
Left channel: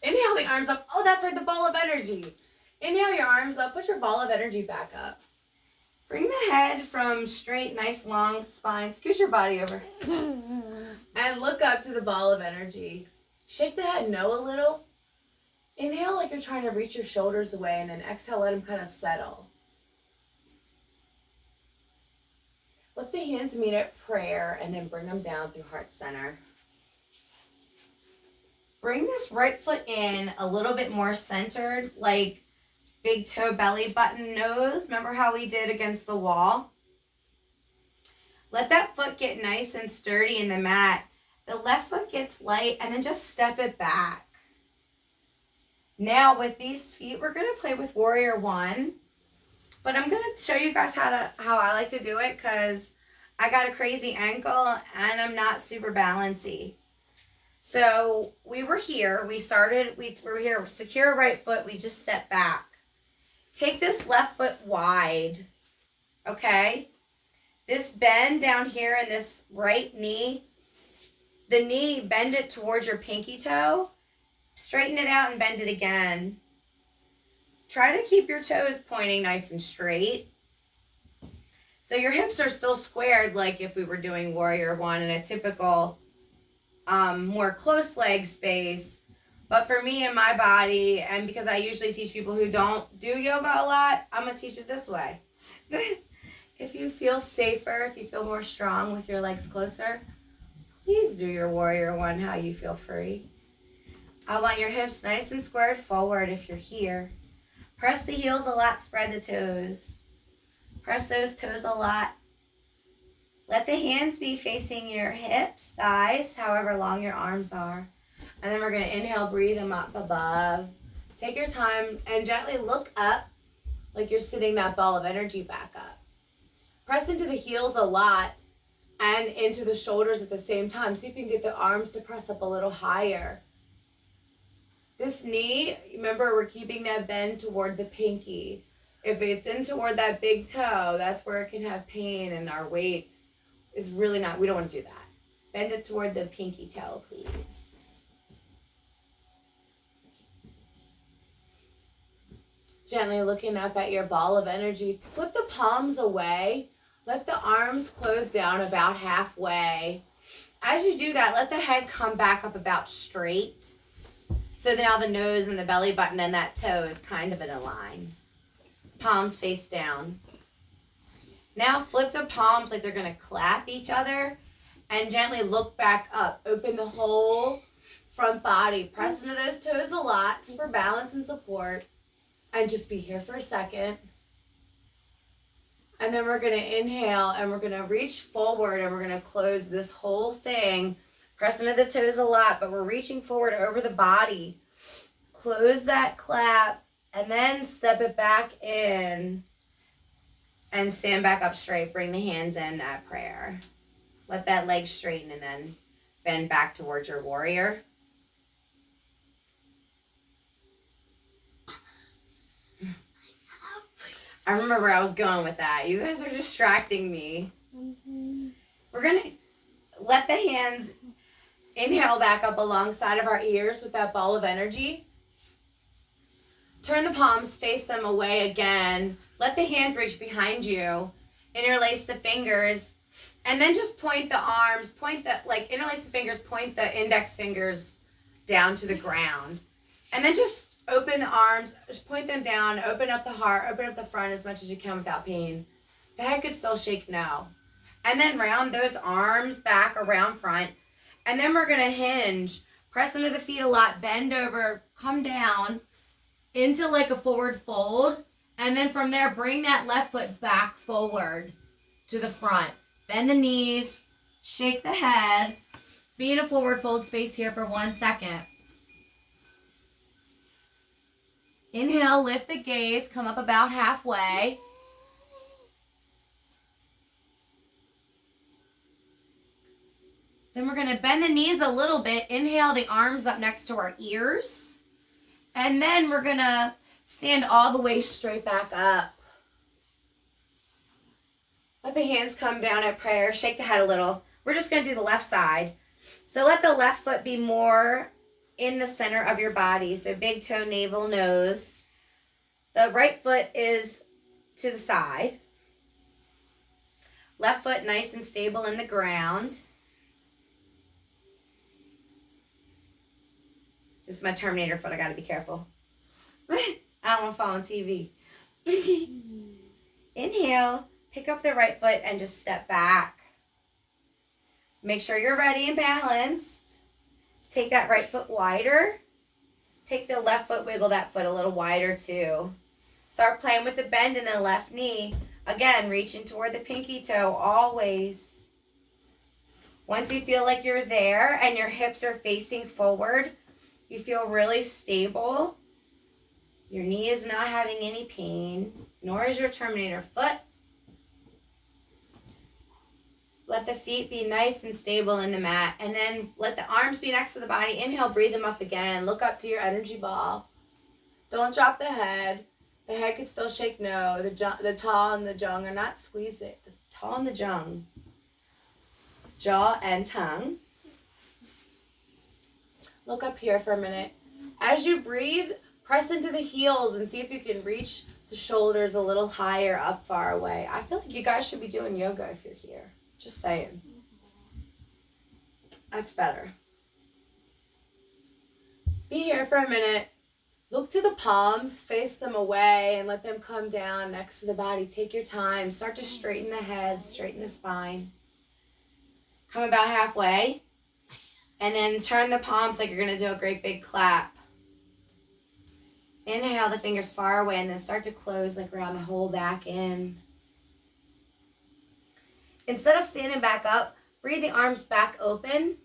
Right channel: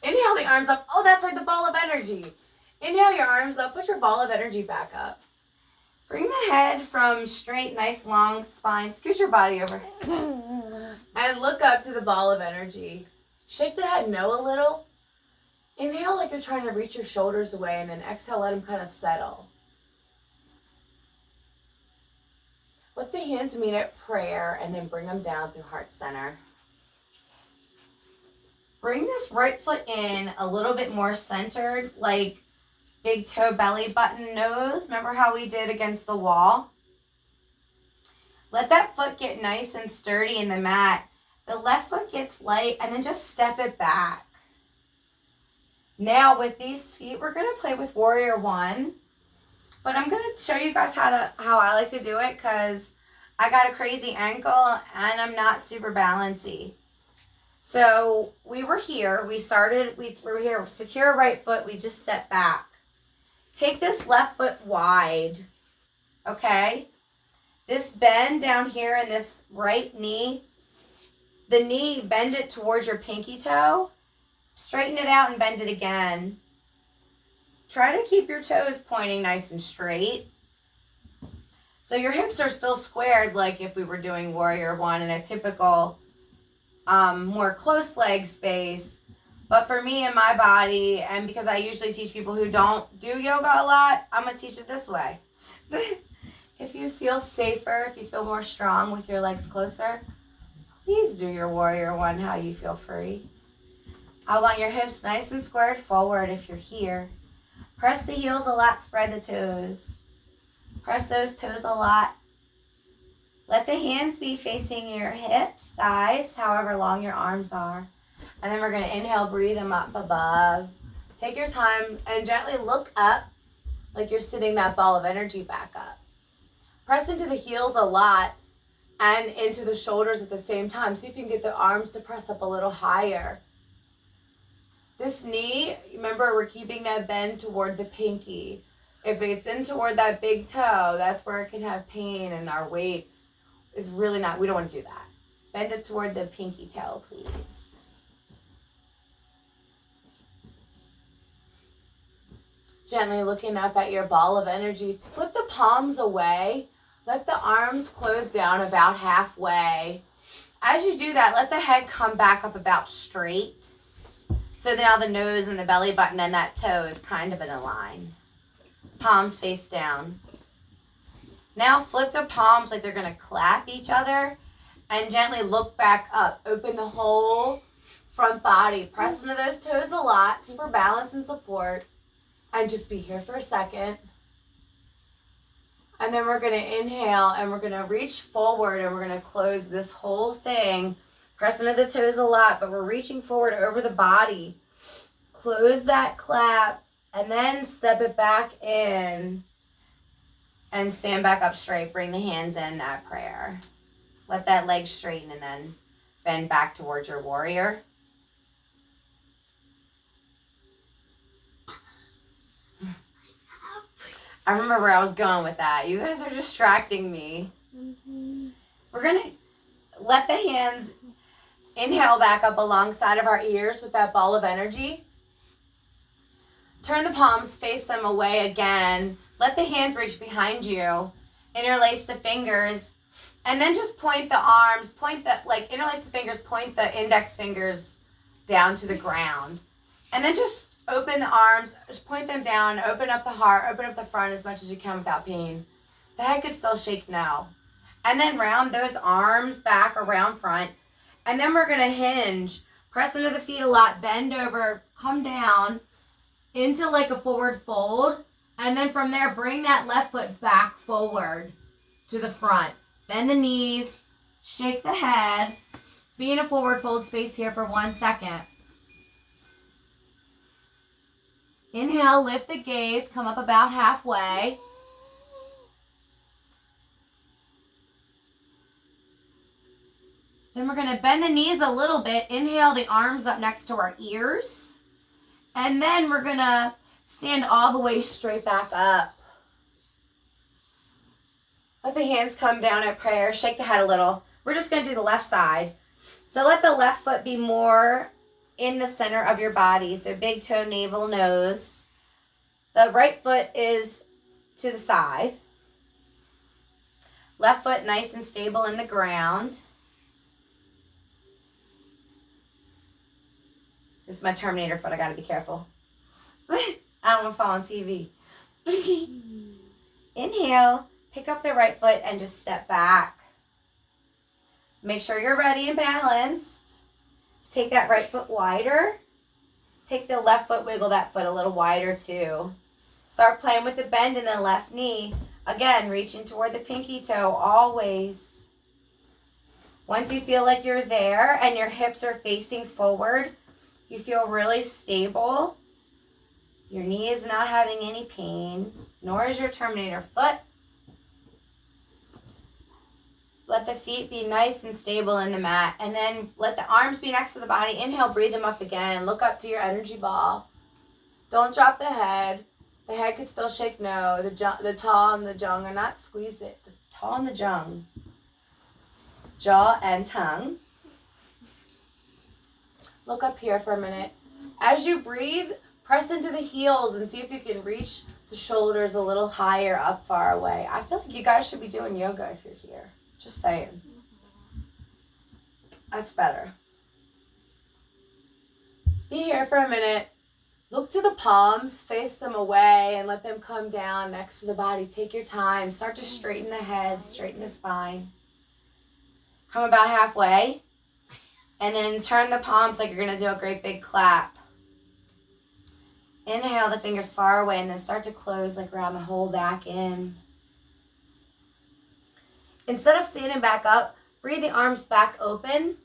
Inhale the arms up. Oh, that's right, the ball of energy. Inhale your arms up. Put your ball of energy back up. Bring the head from straight, nice, long spine. Scoot your body over. And look up to the ball of energy. Shake the head no a little. Inhale like you're trying to reach your shoulders away, and then exhale, let them kind of settle. Let the hands meet at prayer, and then bring them down through heart center. Bring this right foot in a little bit more centered, like big toe, belly button, nose. Remember how we did against the wall? Let that foot get nice and sturdy in the mat. The left foot gets light, and then just step it back. Now with these feet, we're going to play with Warrior One. But I'm going to show you guys how I like to do it because I got a crazy ankle and I'm not super balancy. So we were here. We were here. Secure right foot. We just step back. Take this left foot wide. Okay? This bend down here in this right knee. The knee, bend it towards your pinky toe. Straighten it out and bend it again. Try to keep your toes pointing nice and straight. So your hips are still squared like if we were doing Warrior One in a typical more close leg space. But for me and my body, and because I usually teach people who don't do yoga a lot, I'm going to teach it this way. If you feel safer, if you feel more strong with your legs closer, please do your Warrior One how you feel free. I want your hips nice and squared forward if you're here. Press the heels a lot, spread the toes. Press those toes a lot. Let the hands be facing your hips, thighs, however long your arms are. And then we're going to inhale, breathe them up above. Take your time and gently look up like you're sitting that ball of energy back up. Press into the heels a lot and into the shoulders at the same time. See if you can get the arms to press up a little higher. This knee, remember we're keeping that bend toward the pinky. If it's in toward that big toe, that's where it can have pain and our weight is really not, we don't want to do that. Bend it toward the pinky toe, please. Gently looking up at your ball of energy. Flip the palms away. Let the arms close down about halfway. As you do that, let the head come back up about straight. So now the nose and the belly button and that toe is kind of in a line. Palms face down. Now flip the palms like they're going to clap each other and gently look back up. Open the whole front body. Press into those toes a lot for balance and support. And just be here for a second. And then we're going to inhale and we're going to reach forward and we're going to close this whole thing. Press into the toes a lot, but we're reaching forward over the body. Close that clap and then step it back in and stand back up straight. Bring the hands in at prayer. Let that leg straighten and then bend back towards your warrior. I remember where I was going with that. You guys are distracting me. We're going to let the hands inhale back up alongside of our ears with that ball of energy. Turn the palms, face them away again. Let the hands reach behind you. Interlace the fingers. And then just point the arms, interlace the fingers, point the index fingers down to the ground. And then just open the arms, point them down, open up the heart, open up the front as much as you can without pain. The head could still shake now. And then round those arms back around front. And then we're going to hinge. Press into the feet a lot, bend over, come down into like a forward fold. And then from there, bring that left foot back forward to the front. Bend the knees, shake the head, Be in a forward fold space here for 1 second. Inhale, lift the gaze, come up about halfway. Then we're going to bend the knees a little bit. Inhale, the arms up next to our ears. And then we're going to stand all the way straight back up. Let the hands come down at prayer. Shake the head a little. We're just going to do the left side. So let the left foot be more in the center of your body. So big toe, navel, nose. The right foot is to the side. Left foot nice and stable in the ground. This is my Terminator foot. I got to be careful. I don't want to fall on TV. Inhale. Pick up the right foot and just step back. Make sure you're ready and balanced. Take that right foot wider. Take the left foot, wiggle that foot a little wider too. Start playing with the bend in the left knee. Again, reaching toward the pinky toe always. Once you feel like you're there and your hips are facing forward, you feel really stable. Your knee is not having any pain, nor is your Terminator foot. Let the feet be nice and stable in the mat. And then let the arms be next to the body. Inhale, breathe them up again. Look up to your energy ball. Don't drop the head. The head could still shake no. The taw and the jung are not squeeze it. The taw and the jung. Jaw and tongue. Look up here for a minute. As you breathe, press into the heels and see if you can reach the shoulders a little higher up far away. I feel like you guys should be doing yoga if you're here. Just saying. That's better. Be here for a minute. Look to the palms, face them away, and let them come down next to the body. Take your time. Start to straighten the head, straighten the spine. Come about halfway. And then turn the palms like you're going to do a great big clap. Inhale the fingers far away and then start to close like around the whole back in. Instead of standing back up, breathe the arms back open.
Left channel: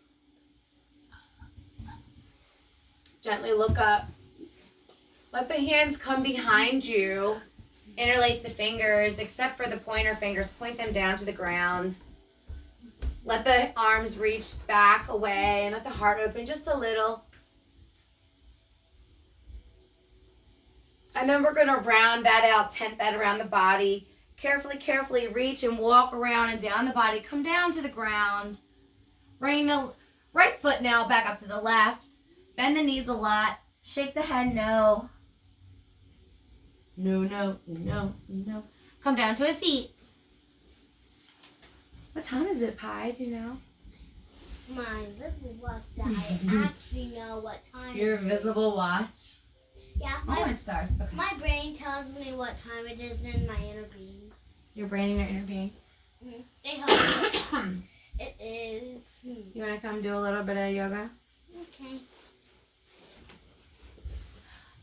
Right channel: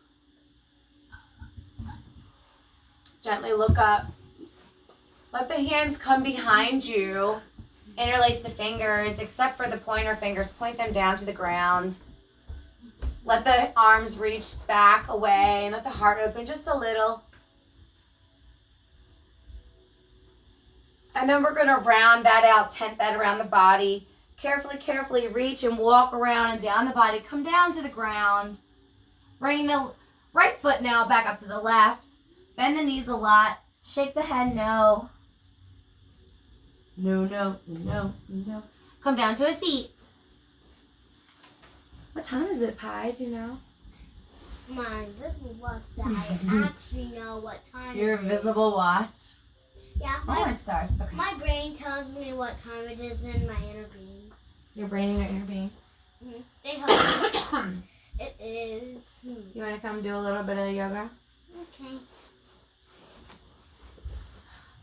Gently look up. Let the hands come behind you. Interlace the fingers, except for the pointer fingers. Point them down to the ground. Let the arms reach back away and let the heart open just a little. And then we're going to round that out, tent that around the body. Carefully reach and walk around and down the body. Come down to the ground. Bring the right foot now back up to the left. Bend the knees a lot. Shake the head no. No. Come down to a seat. What time is it, Pi? Do you know? My invisible watch that I actually know what time Your it is. invisible watch? Yeah, My stars. Okay. my brain tells me what time it is in my inner being. Your brain and your inner being. Mm-hmm. They help me. It is. You want to come do a little bit of yoga? Okay.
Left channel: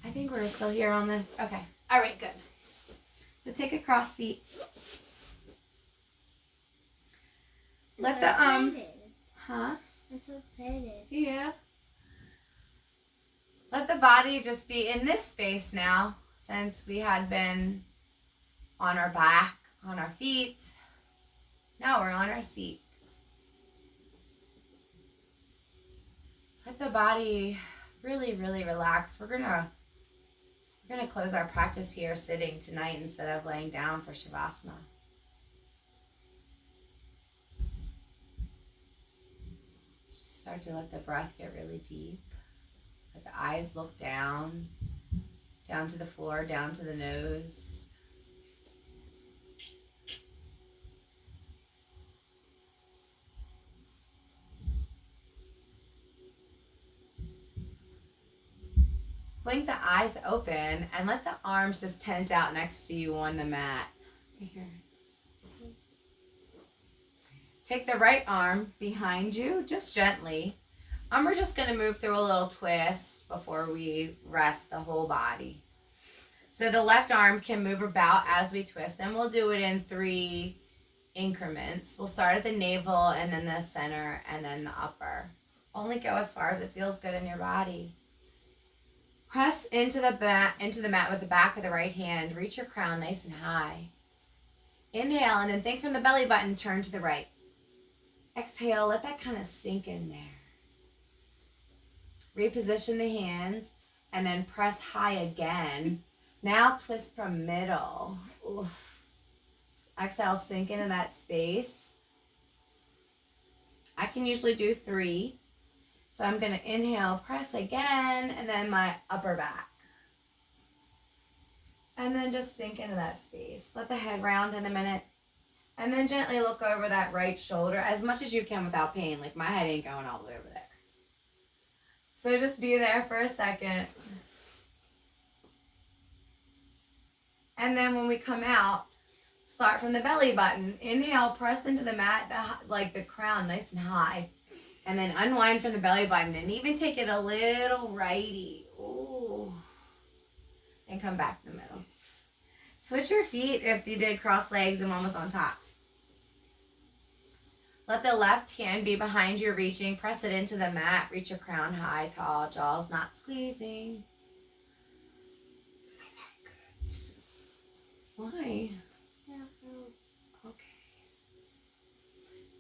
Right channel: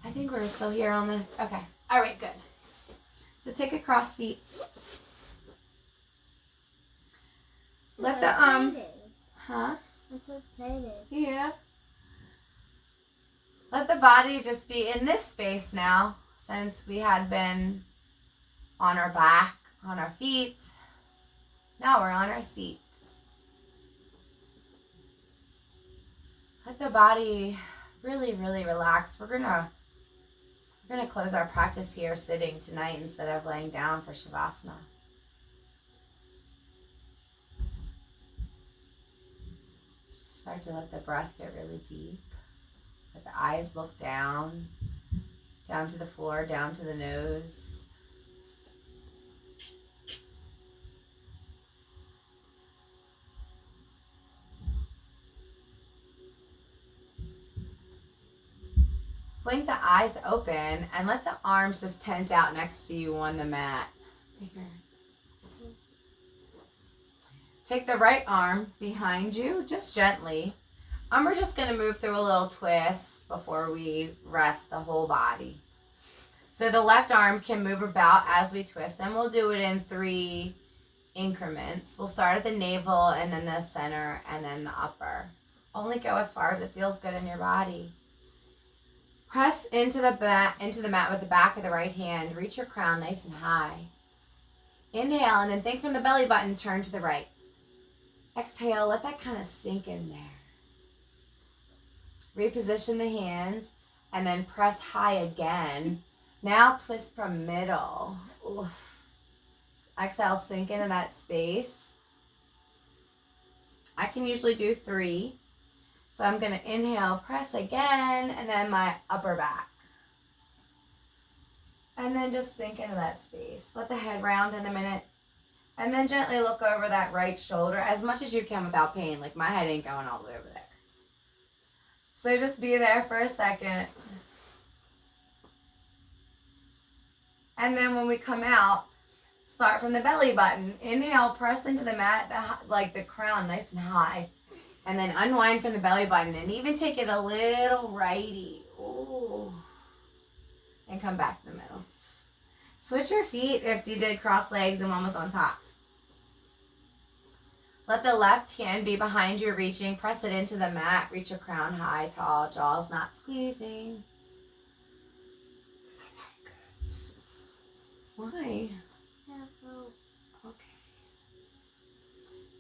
I think we're still here on the... Okay. All right, good. So take a cross seat. Let the... Excited. Huh? I'm so excited. Yeah. Let the body just be in this space now, since we had been on our back, on our feet. Now we're on our seat. Let the body really relax. We're gonna close our practice here sitting tonight instead of laying down for Shavasana. Just start to let the breath get really deep. Let the eyes look down to the floor, down to the nose. Blink the eyes open and let the arms just tent out next to you on the mat. Right here. Take the right arm behind you, just gently. And we're just going to move through a little twist before we rest the whole body. So the left arm can move about as we twist, and we'll do it in 3 increments. We'll start at the navel, and then the center, and then the upper. Only go as far as it feels good in your body. Press into the mat with the back of the right hand. Reach your crown nice and high. Inhale, and then think from the belly button, turn to the right. Exhale, let that kind of sink in there. Reposition the hands, and then press high again. Now twist from middle. Oof. Exhale, sink into that space. I can usually do 3. So I'm going to inhale, press again, and then my upper back. And then just sink into that space. Let the head round in a minute. And then gently look over that right shoulder as much as you can without pain. Like my head ain't going all the way over there. So just be there for a second. And then when we come out, start from the belly button. Inhale, press into the mat, like the crown nice and high. And then unwind from the belly button and even take it a little righty. Ooh. And come back to the middle. Switch your feet if you did cross legs and one was on top. Let the left hand be behind you reaching. Press it into the mat. Reach your crown high, tall, jaws not squeezing. Why? Okay.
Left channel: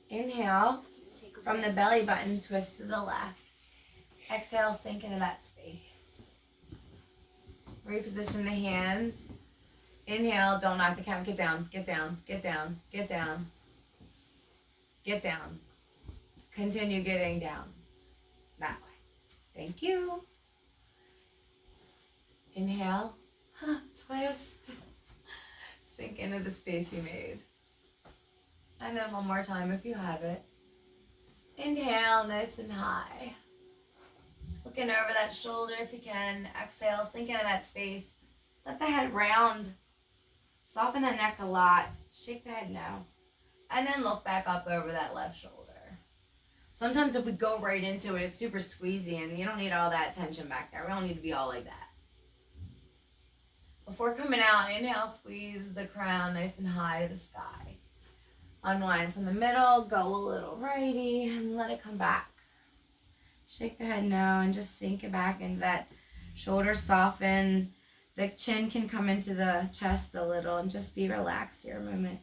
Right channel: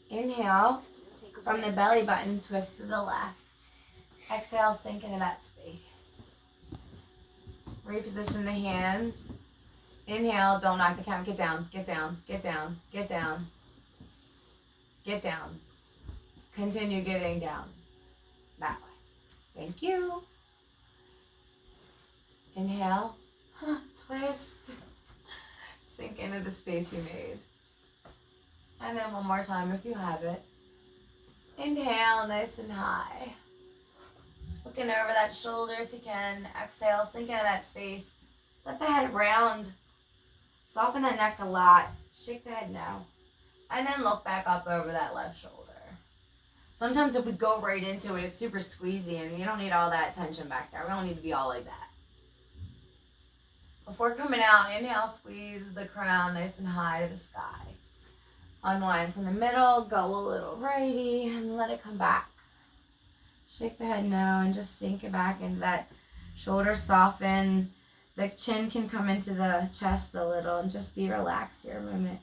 Inhale. From the belly button, twist to the left. Exhale, sink into that space. Reposition the hands. Inhale, don't knock the count. Get down, get down, get down, get down. Get down. Continue getting down. That way. Thank you. Inhale. Twist. Sink into the space you made. And then one more time if you have it. Inhale, nice and high. Looking over that shoulder if you can. Exhale, sink into that space. Let the head round. Soften that neck a lot. Shake the head no. And then look back up over that left shoulder. Sometimes if we go right into it, it's super squeezy and you don't need all that tension back there. We don't need to be all like that. Before coming out, inhale, squeeze the crown nice and high to the sky. Unwind from the middle, go a little righty, and let it come back. Shake the head no, and just sink it back into that shoulder soften. The chin can come into the chest a little, and just be relaxed here a moment.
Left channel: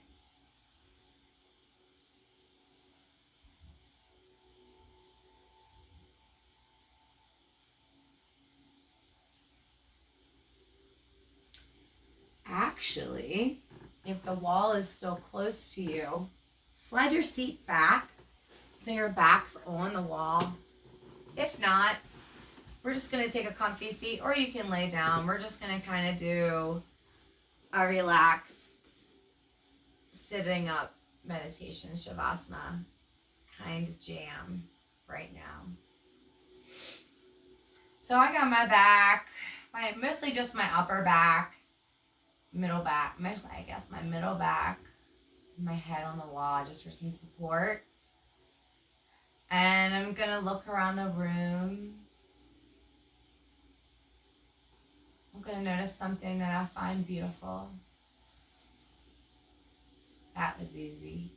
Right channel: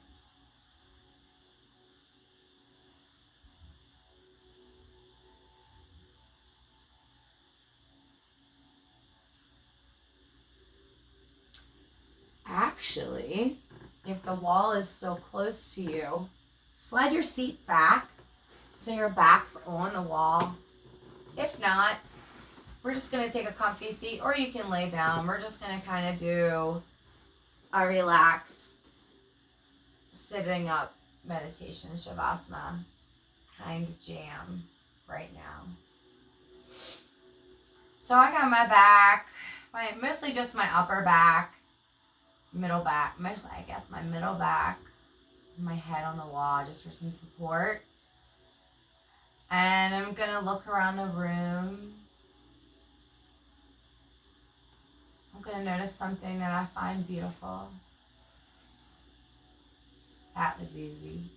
Actually, if the wall is still close to you, slide your seat back so your back's on the wall. If not, we're just going to take a comfy seat, or you can lay down. We're just going to kind of do a relaxed sitting up meditation, Shavasana kind of jam right now. So I got my back, mostly just my upper back, middle back, mostly I guess my middle back, my head on the wall just for some support. And I'm going to look around the room. I'm going to notice something that I find beautiful. That was easy.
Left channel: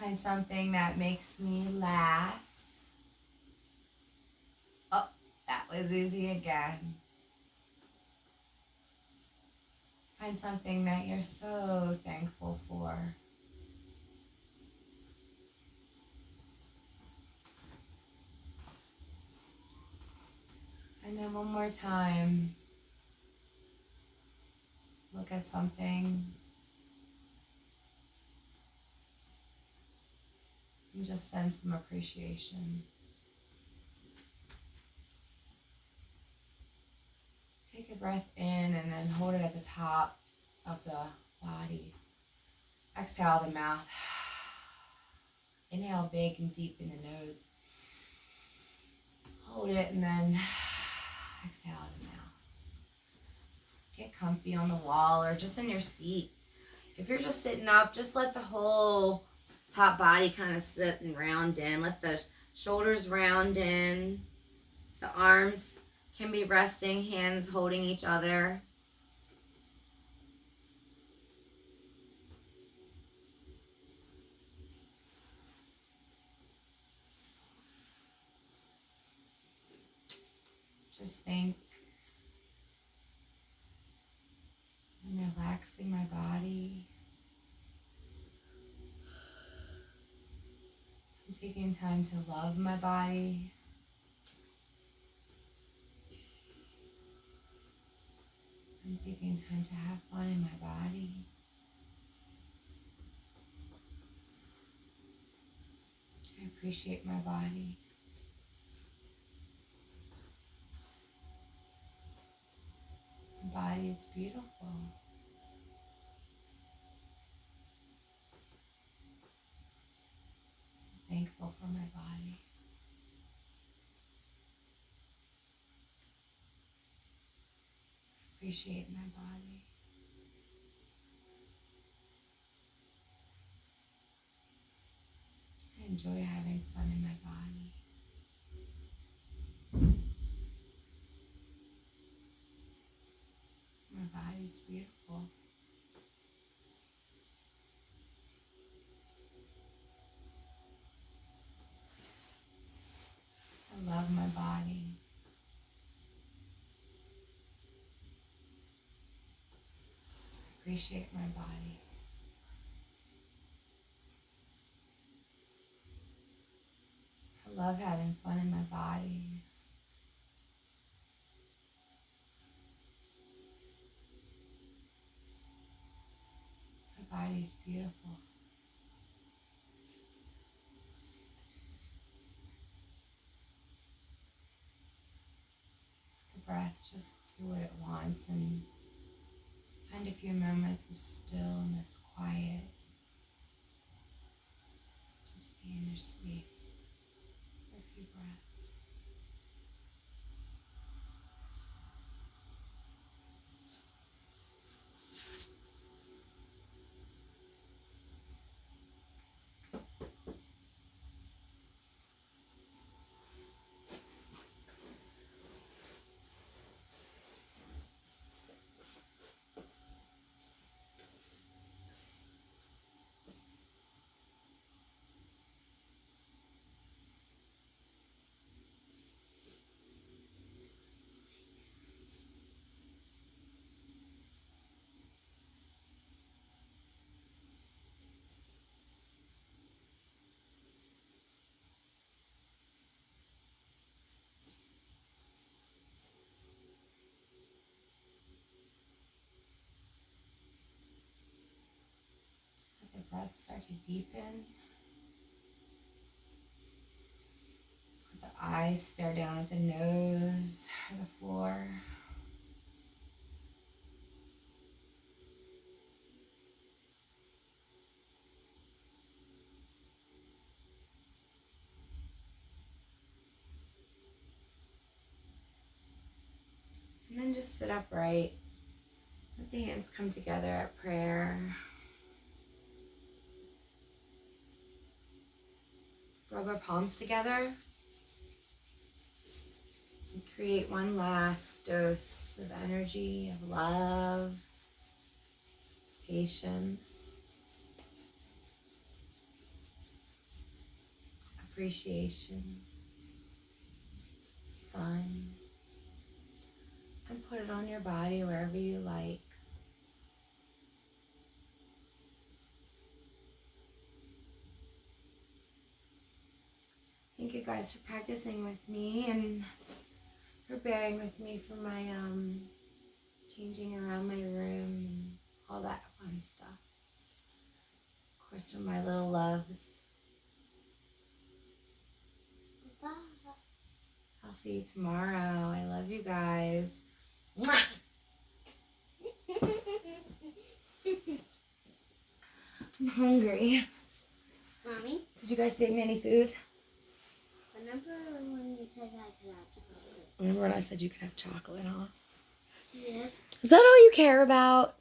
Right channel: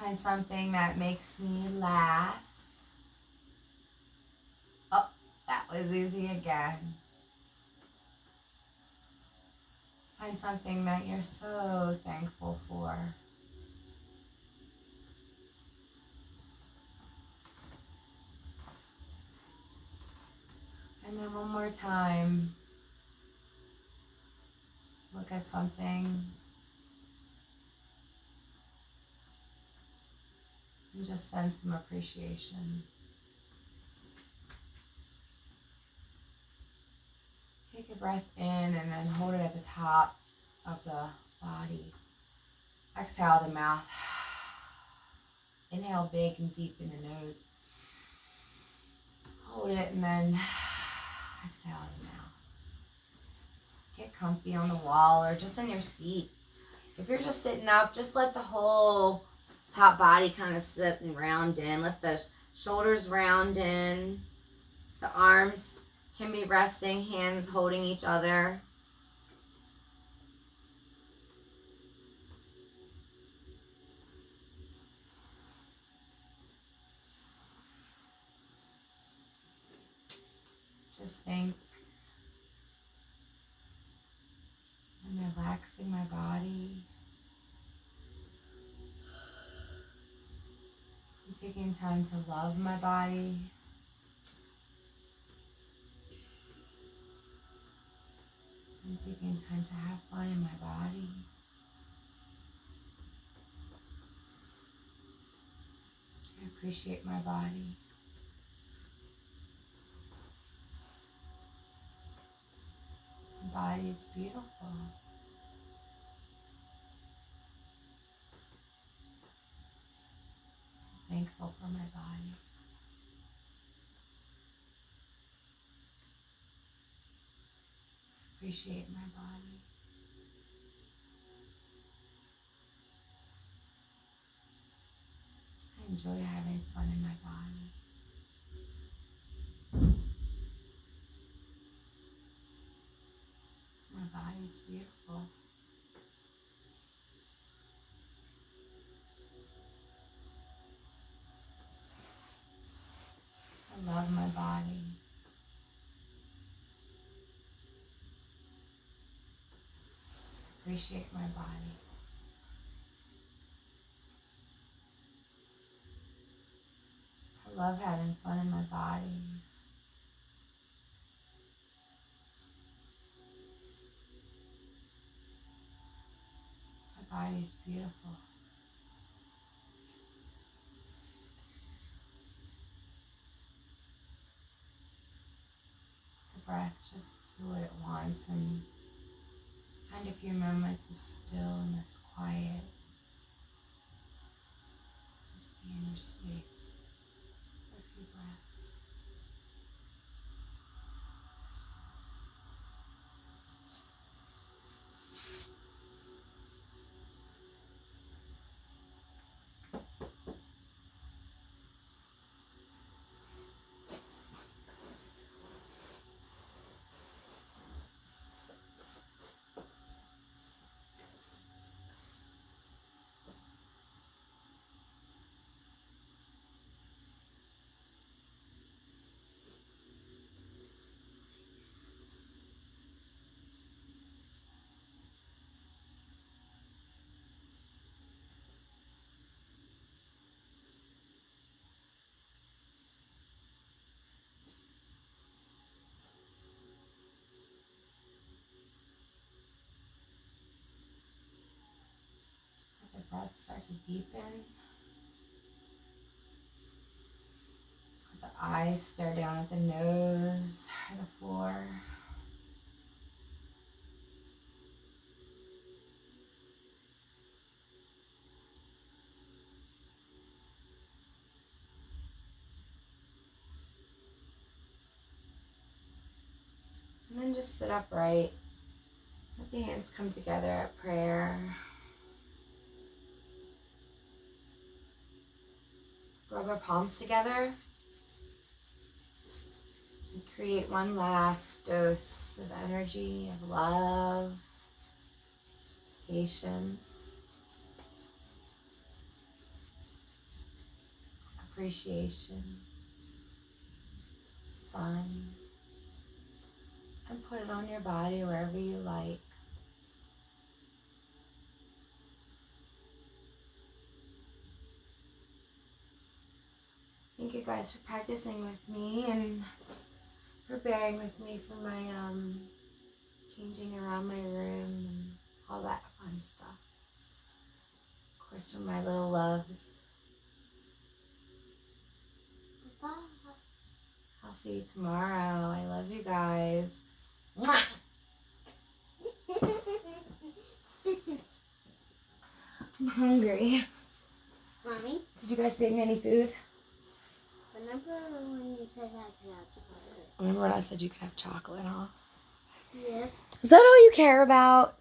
Find something that makes me laugh. Oh, that was easy again. Find something that you're so thankful for. And then one more time, look at something and just send some appreciation. Take a breath in and then hold it at the top of the body. Exhale the mouth. Inhale big and deep in the nose. Hold it and then exhale the mouth. Get comfy on the wall or just in your seat. If you're just sitting up, just let the whole top body kind of sit and round in. Let the shoulders round in. The arms can be resting, hands holding each other. Just think I'm relaxing my body. I'm taking time to love my body. I'm taking time to have fun in my body. I appreciate my body. My body is beautiful. I'm thankful for my body. I appreciate my body. I enjoy having fun in my body. My body's beautiful. I love my body. I appreciate my body. I love having fun in my body. My body's beautiful. The breath just do what it wants and find a few moments of stillness, quiet. Just be in your space for a few breaths. Let the breath start to deepen. Let the eyes stare down at the nose or the floor. And then just sit upright. Let the hands come together at prayer. Rub our palms together. And create one last dose of energy, of love, patience, appreciation, fun. And put it on your body wherever you like. Thank you guys for practicing with me and for bearing with me for my changing around my room and all that fun stuff. Of course, for my little loves. Bye. I'll see you tomorrow. I love you guys. Mwah! I'm hungry. Mommy, Did you guys save me any food? remember when you said I could have chocolate? Remember when I said you could have chocolate, huh? Yes. Is that all you care about?